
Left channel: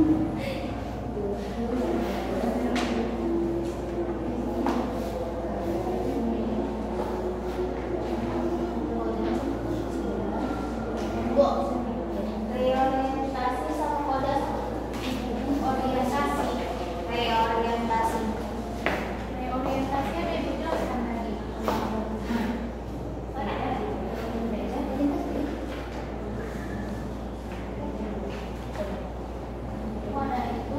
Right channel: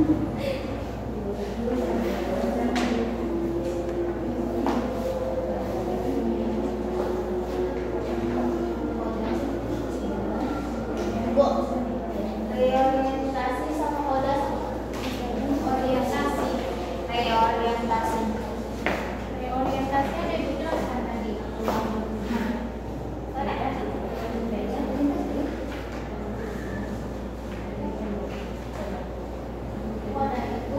Bu, reorientasi sama kodas orientasi. Reorientasi. Reorientasi ada ibu jelaskan tadi. Kodas.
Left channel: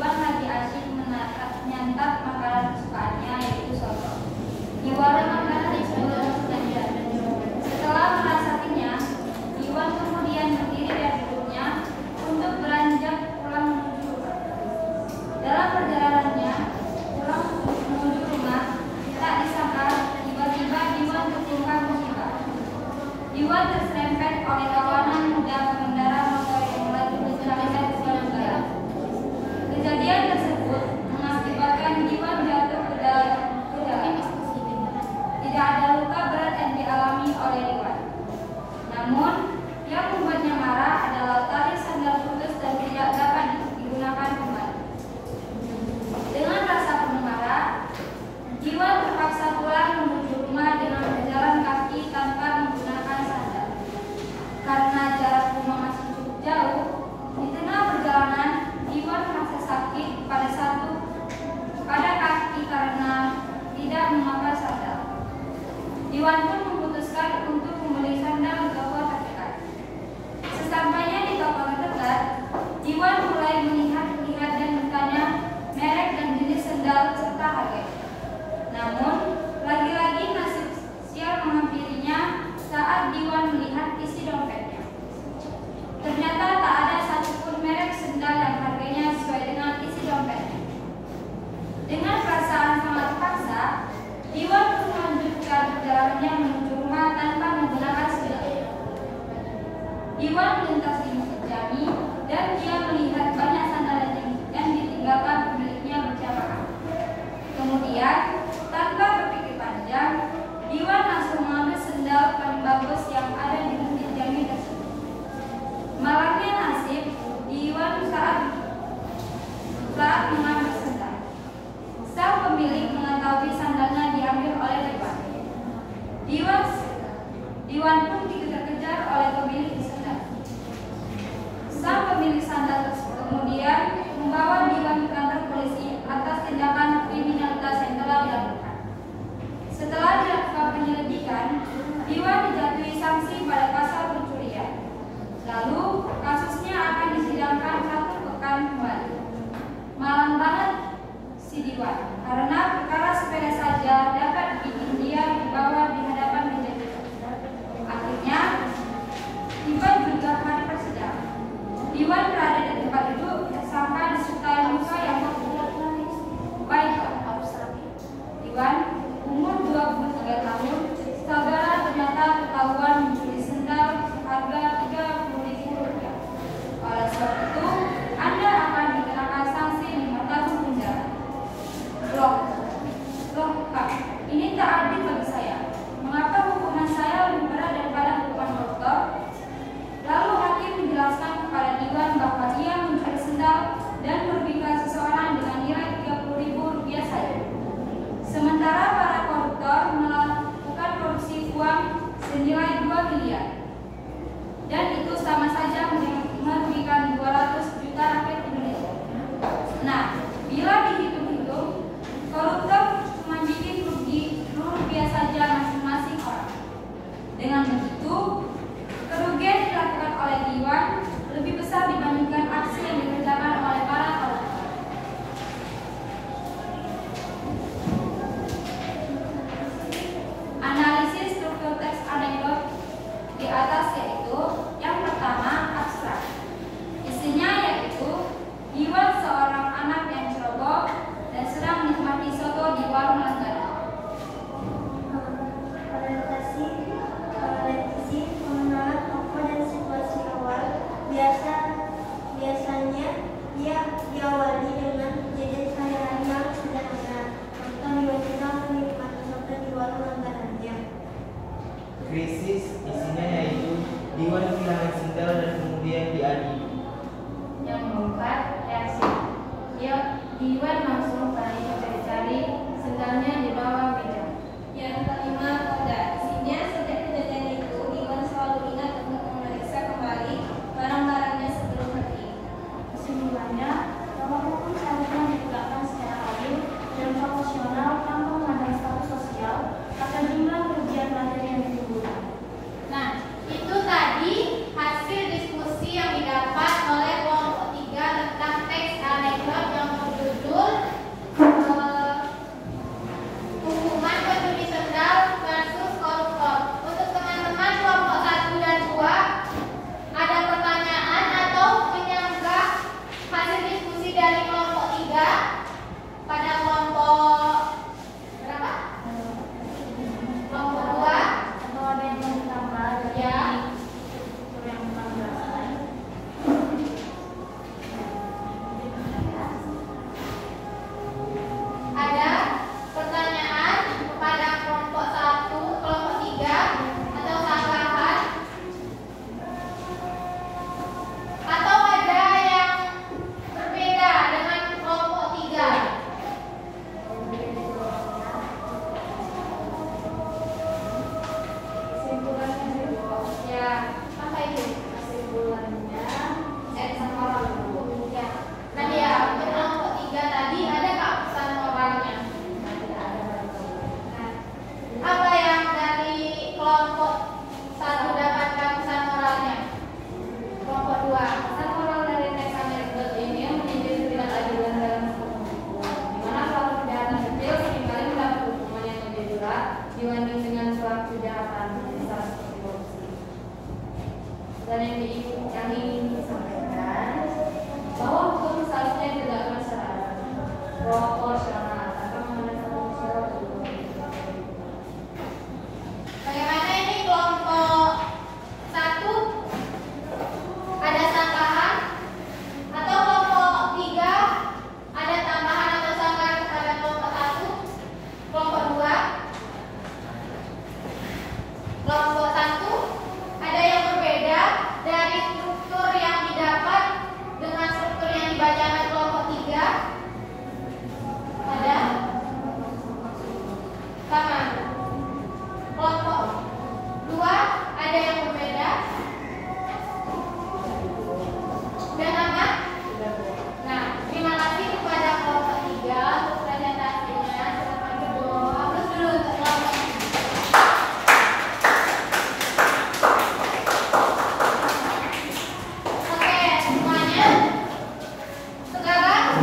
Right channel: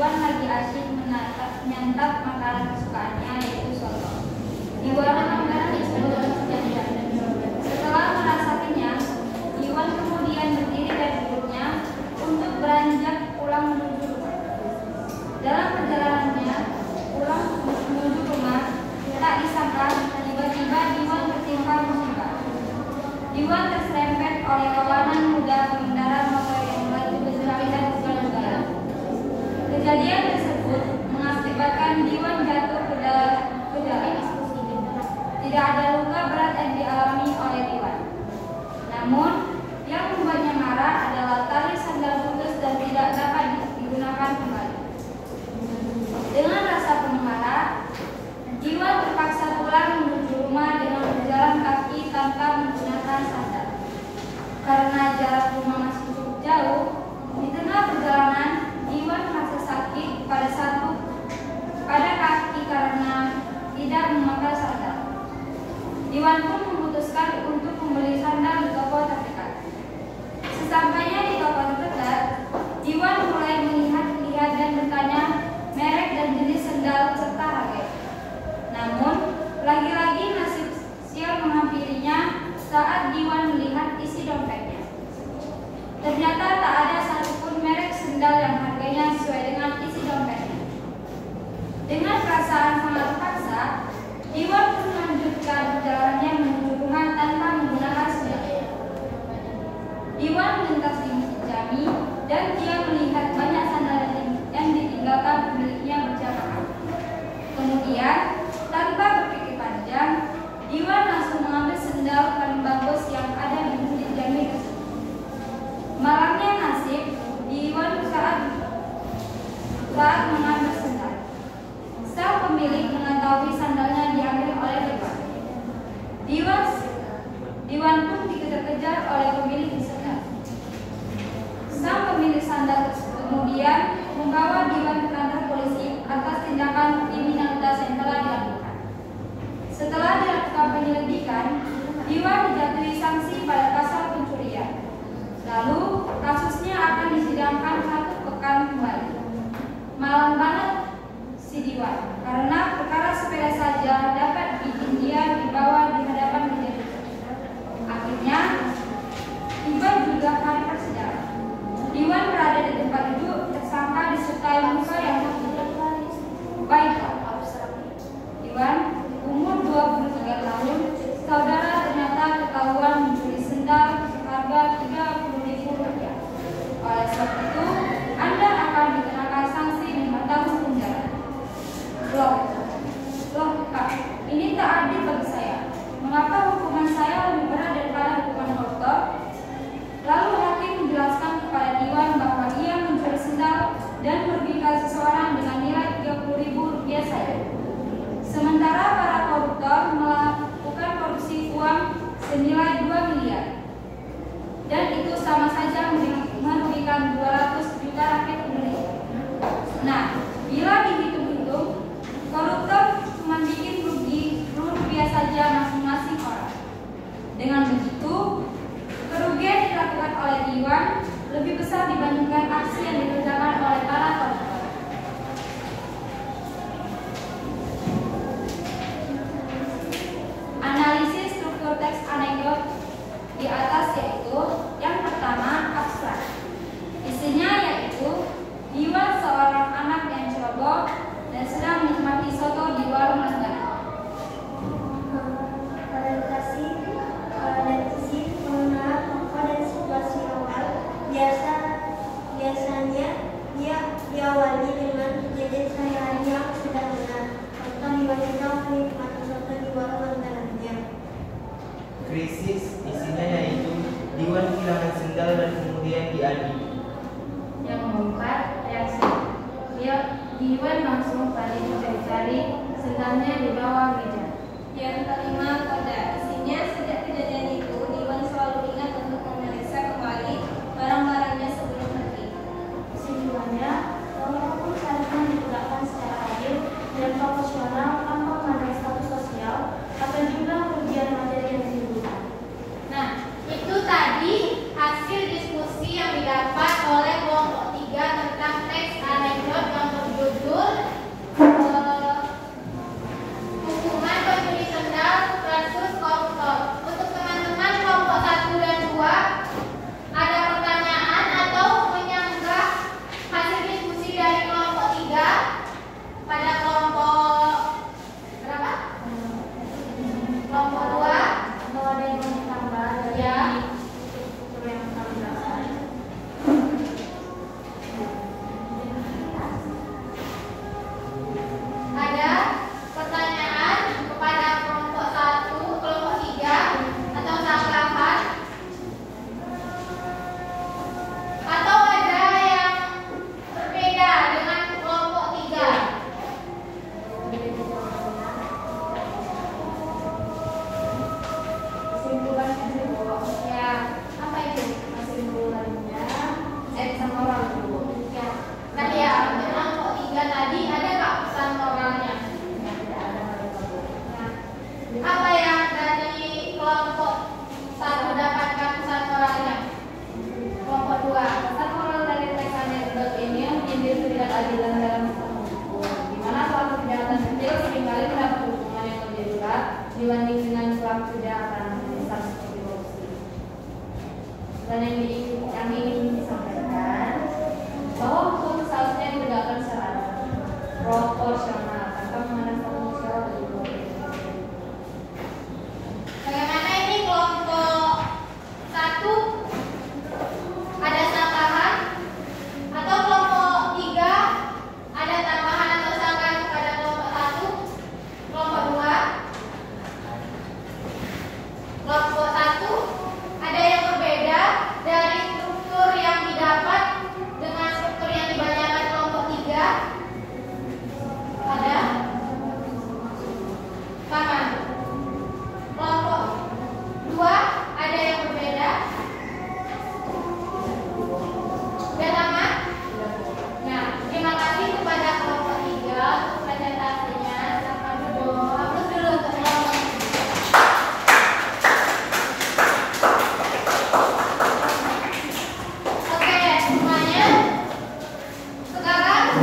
Iwan lagi asyik menyantap makanan kesukaannya, yaitu soto. Di warung makan setelah merasa kenyang, Iwan kemudian berdiri dari duduknya untuk beranjak pulang menuju rumah. Dalam perjalanannya pulang menuju rumah, tak disangka tiba-tiba Iwan tertimpa musibah. Iwan terserempet oleh kawanan muda pengendara motor yang melaju kencang bukan negara. Kejadian tersebut mengakibatkan Iwan jatuh ke dalam. Tidak ada luka berat yang dialami oleh Iwan. Namun, yang membuatnya marah adalah tali sandal putus dan tidak dapat digunakan kembali. Dengan rasa penuh marah, Iwan terpaksa pulang menuju rumah dengan berjalan kaki tanpa menggunakan sandal. Karena jarak rumah masih cukup jauh, di tengah perjalanan Iwan merasa sakit pada kaki karena tidak memakai sandal. Iwan pun memutuskan untuk membeli sandal di toko terdekat. Sesampainya di toko terdekat, Iwan mulai melihat-lihat dan bertanya merek dan jenis sandal serta harga. Namun, lagi-lagi nasib sial menghampirinya saat Iwan melihat isi dompetnya. Ternyata tak ada satupun merek sandal yang harganya sesuai dengan isi dompetnya. Dengan perasaan sangat terpaksa, Iwan pun melanjutkan perjalanannya menuju rumah tanpa menggunakan sandal. Iwan melintasi Masjid Jami dan dia melihat banyak sandal yang ditinggalkan pemiliknya berjamaah. Kemudian, tanpa berpikir panjang, Iwan langsung mengambil sandal paling bagus yang ada di Masjid Jami tersebut. Malangnya nasib Iwan saat mengambil sandal. Sang pemilik mengetahui sandalnya diambil oleh Iwan. Iwan pun dikejar-kejar oleh pemilik sandal. Sang pemilik sandal kemudian membawa Iwan ke kantor polisi atas tindakan kriminalitas yang telah dilakukan. Setelah dilakukan penyelidikan, Iwan dijatuhi sanksi pada pasal pencurian. Lalu kasusnya akan disidangkan 1 pekan kembali. Malang banget si Iwan, karena perkara sepele saja dapat bikin dia dibawa di hadapan majelis. Akhirnya, tiba juga hari persidangan. Iwan berada di tempat duduk tersangka disertai muka yang baik. Iwan, umur 23 tahun, saudara ternyata ketahuan mencuri sandal seharga Rp30.000. Oleh sebab itu, Anda akan dikenakan sanksi 5 tahun penjara. Loh, Kak, ini tak adil bagi saya. Mengapa hukuman saya lebih berat daripada hukuman koruptor? Lalu hakim menjelaskan kepada Iwan bahwa dia mencuri sandal dan merugikan seseorang dengan nilai Rp30.000 saja. Sementara para koruptor melakukan korupsi uang senilai 2 miliar. Dan itu sama saja merugikan 200 juta rakyat Indonesia. Nah, bila dihitung-hitung, koruptor cuma bikin rupiah saja masing-masing orang. Dengan begitu, kerugian dilakukan oleh Iwan lebih besar dibandingkan aksi yang dikerjakan oleh para koruptor. Analisis struktur teks anekdot di atas yaitu yang pertama abstrak. Isinya yaitu Iwan seorang anak yang ceroboh dan sedang menikmati soto di warung langganan. Orientasi netizen mengenal tokoh dan situasi awal. Biasanya dia diawali dengan kejadian sehari-hari yang sederhana. Tentang Iwan sedang menikmati soto di warung langganannya. Krisis isinya yaitu Iwan kehilangan sandal dan kemudian diadili. Yang keempat, reaksi. Iwan langsung panik mencari-cari sandalnya di bawah meja. Yang kelima, koda. Isinya sejak kejadian itu, Iwan selalu ingat untuk memeriksa kembali barang-barangnya sebelum pergi. Kesimpulannya, bahwa hukum seharusnya digunakan secara adil dan proporsional tanpa memandang status sosial atau jumlah kerugian materi yang ditimbulkan. Nah, itu tadi hasil diskusi yang didapat oleh kelompok 3 tentang teks anekdot yang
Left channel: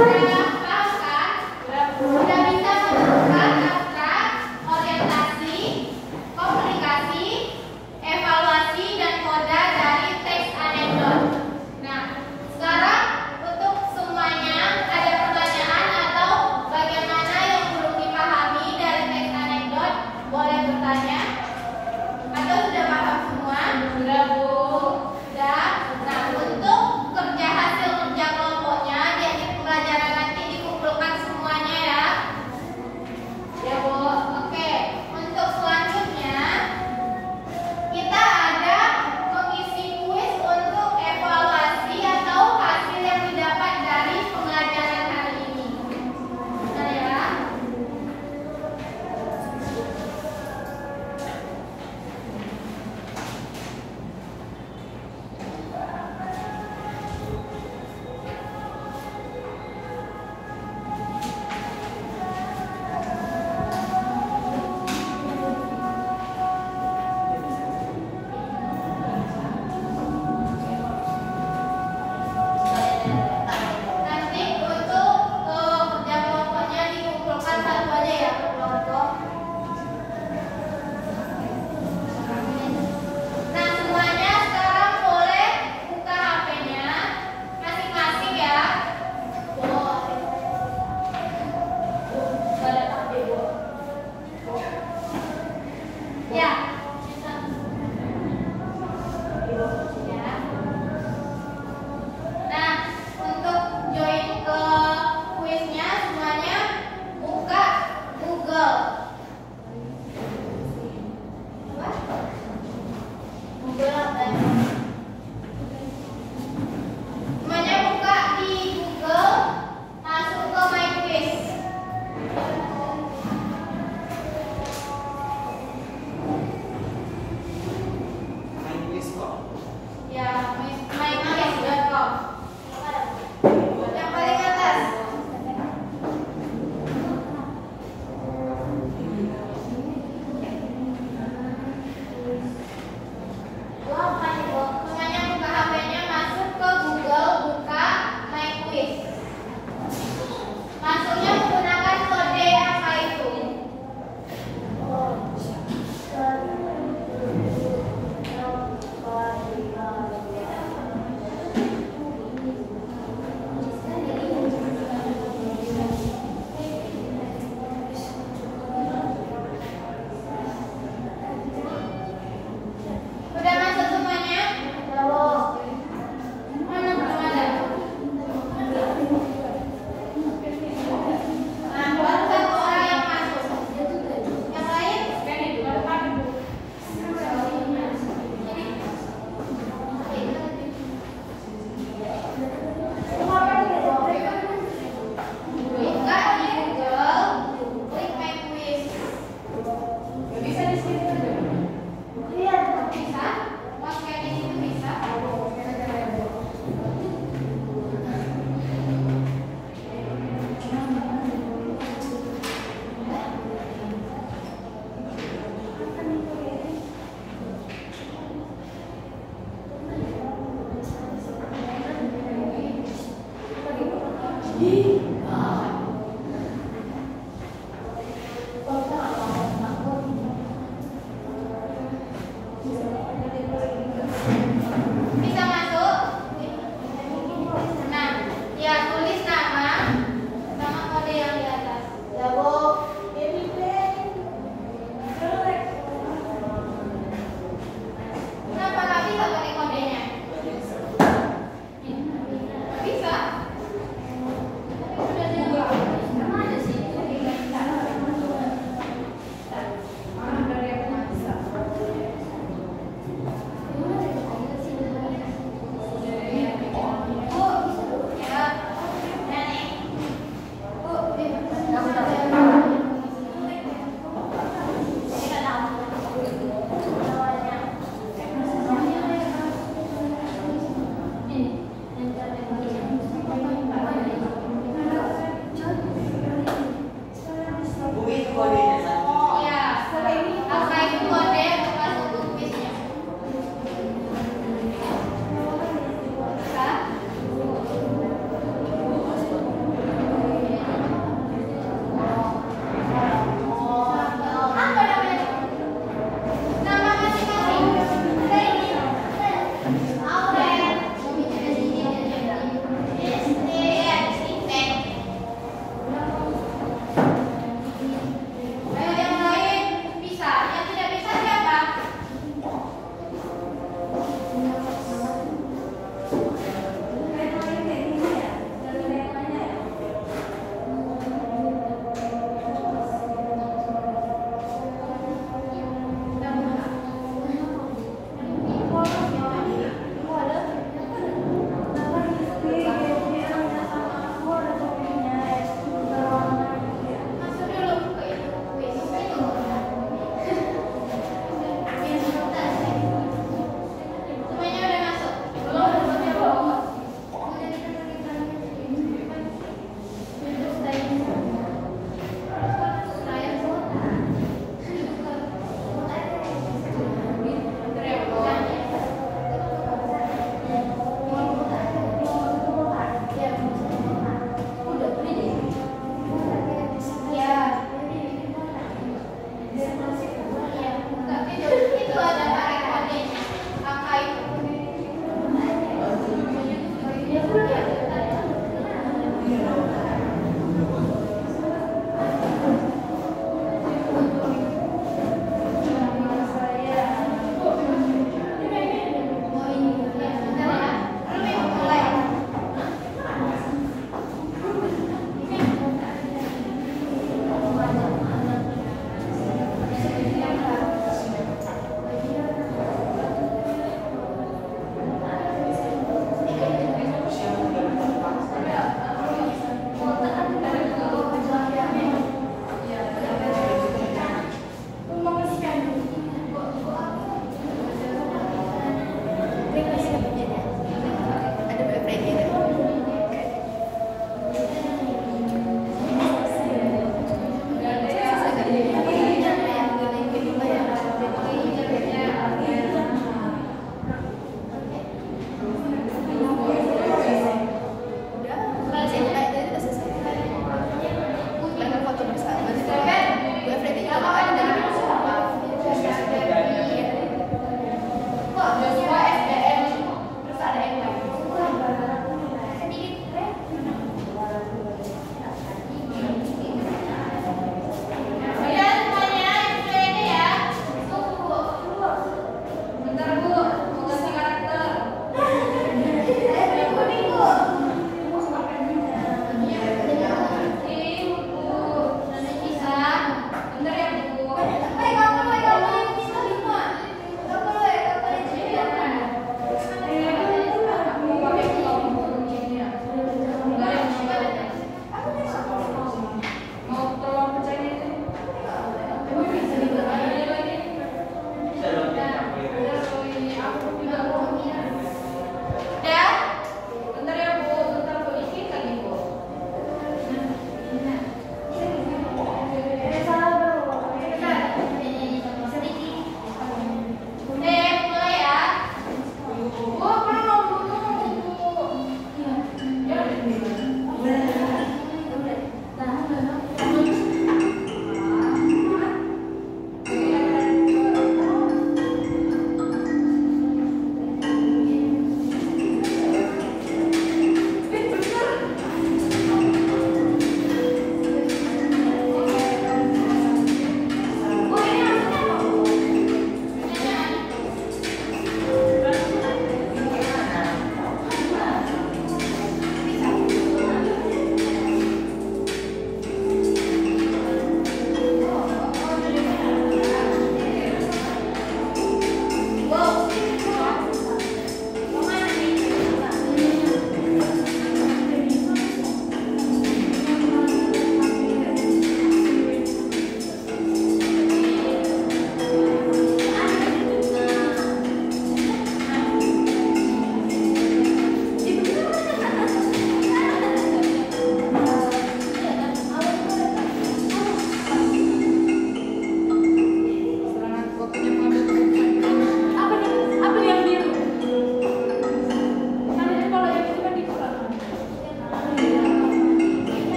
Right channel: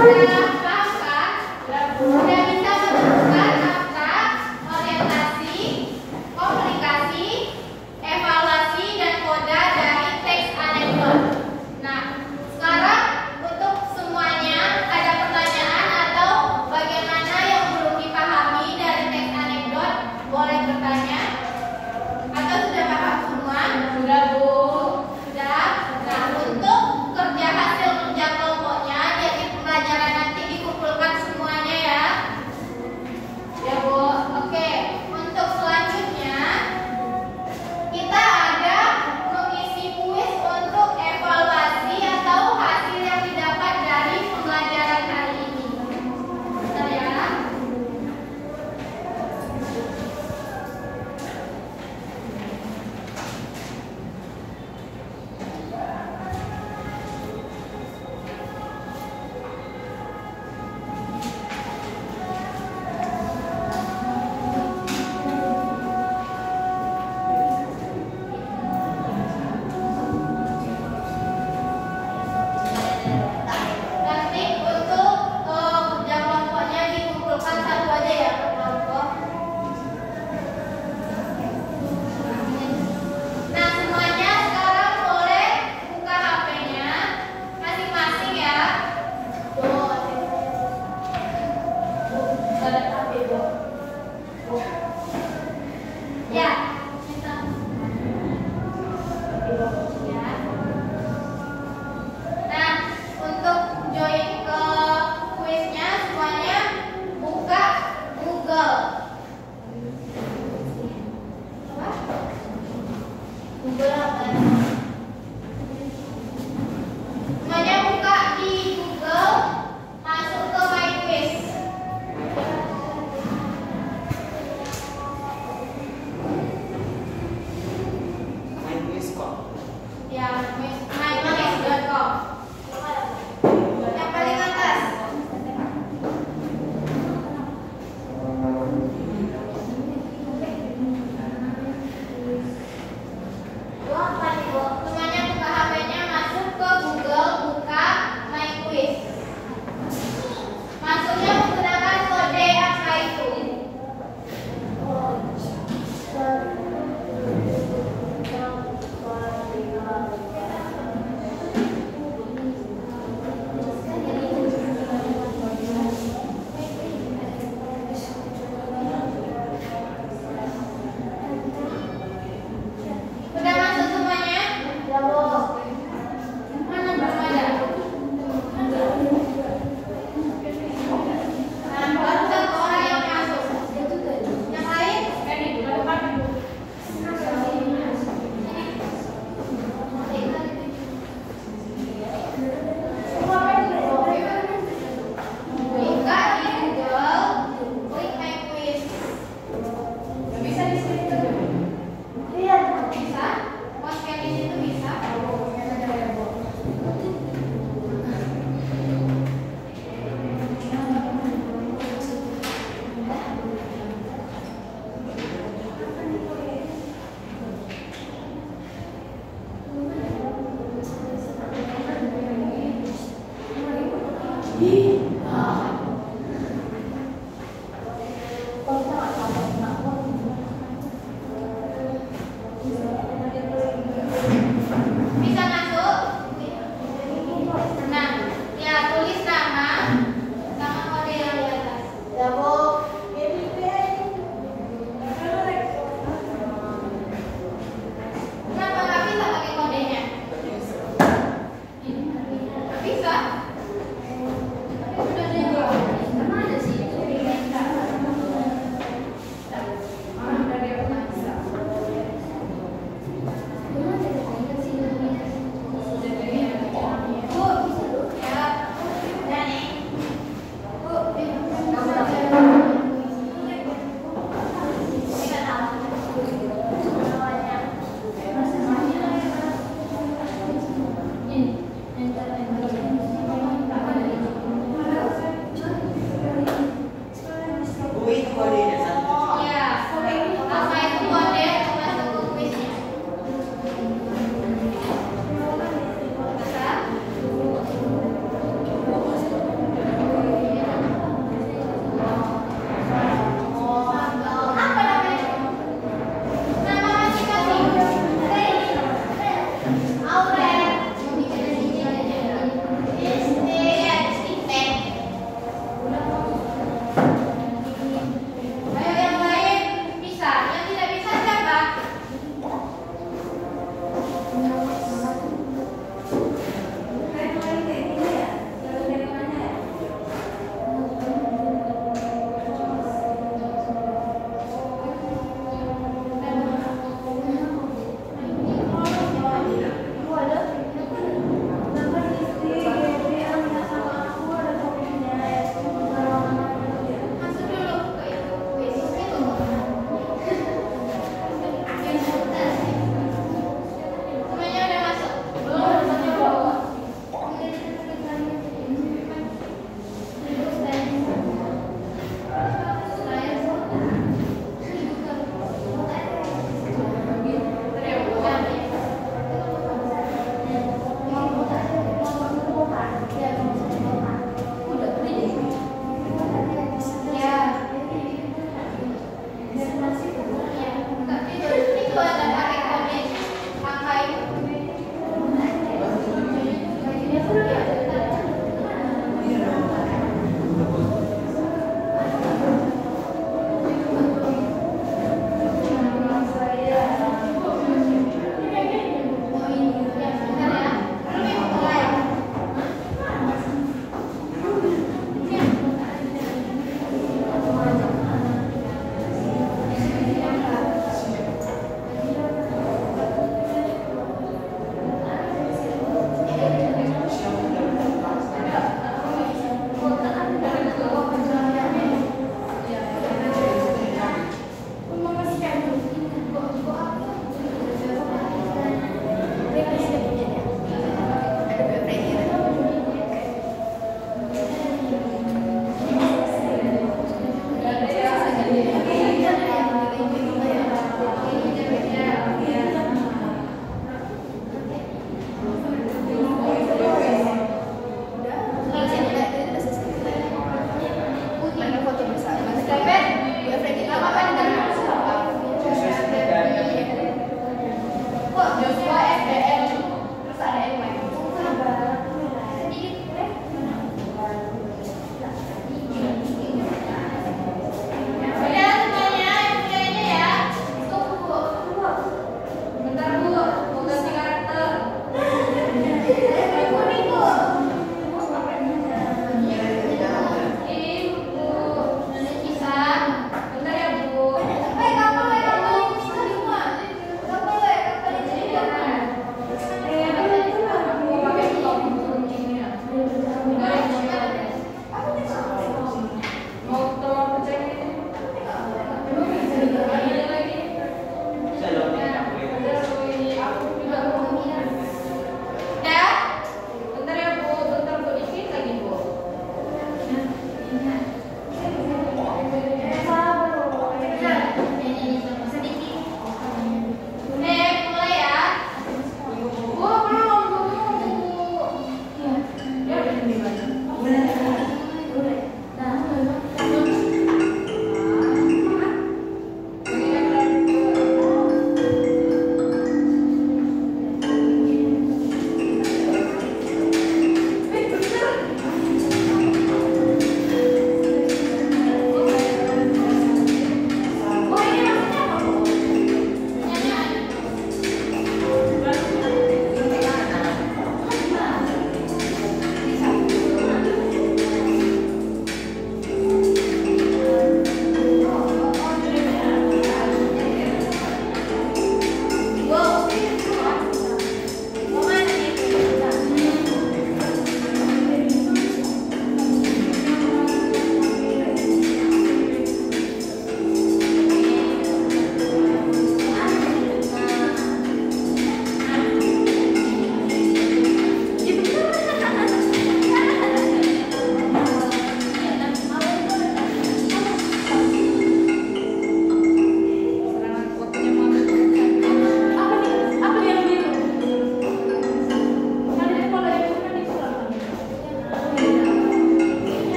Bisa?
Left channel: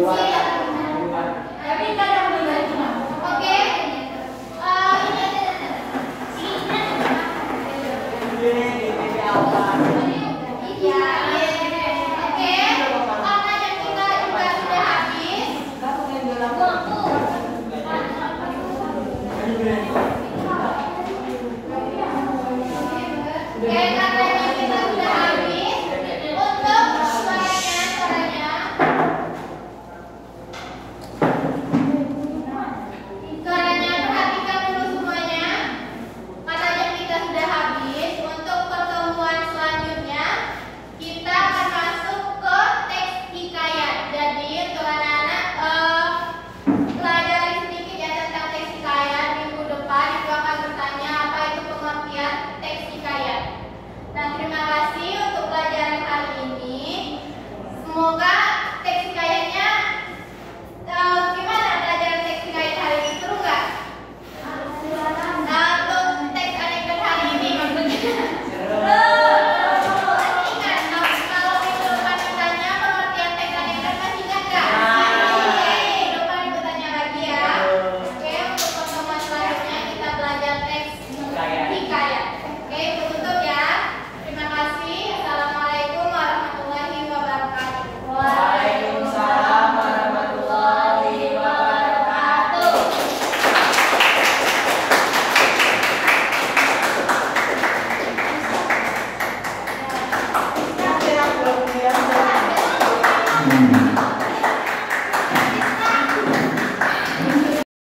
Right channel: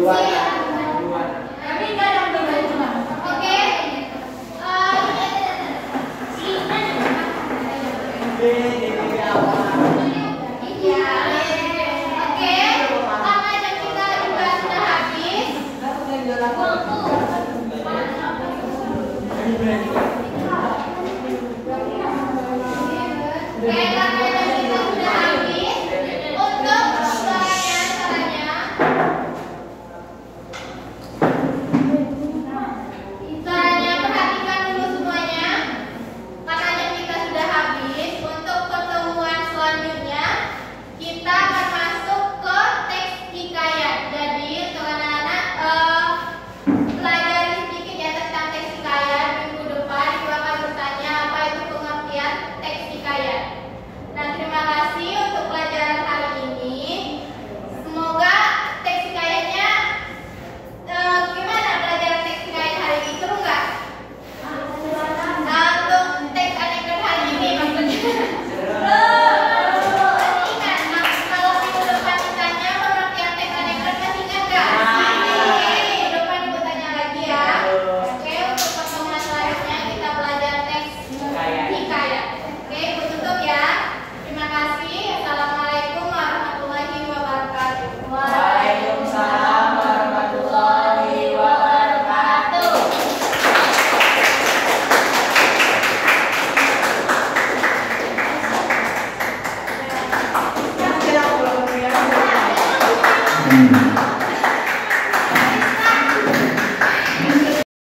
berwarna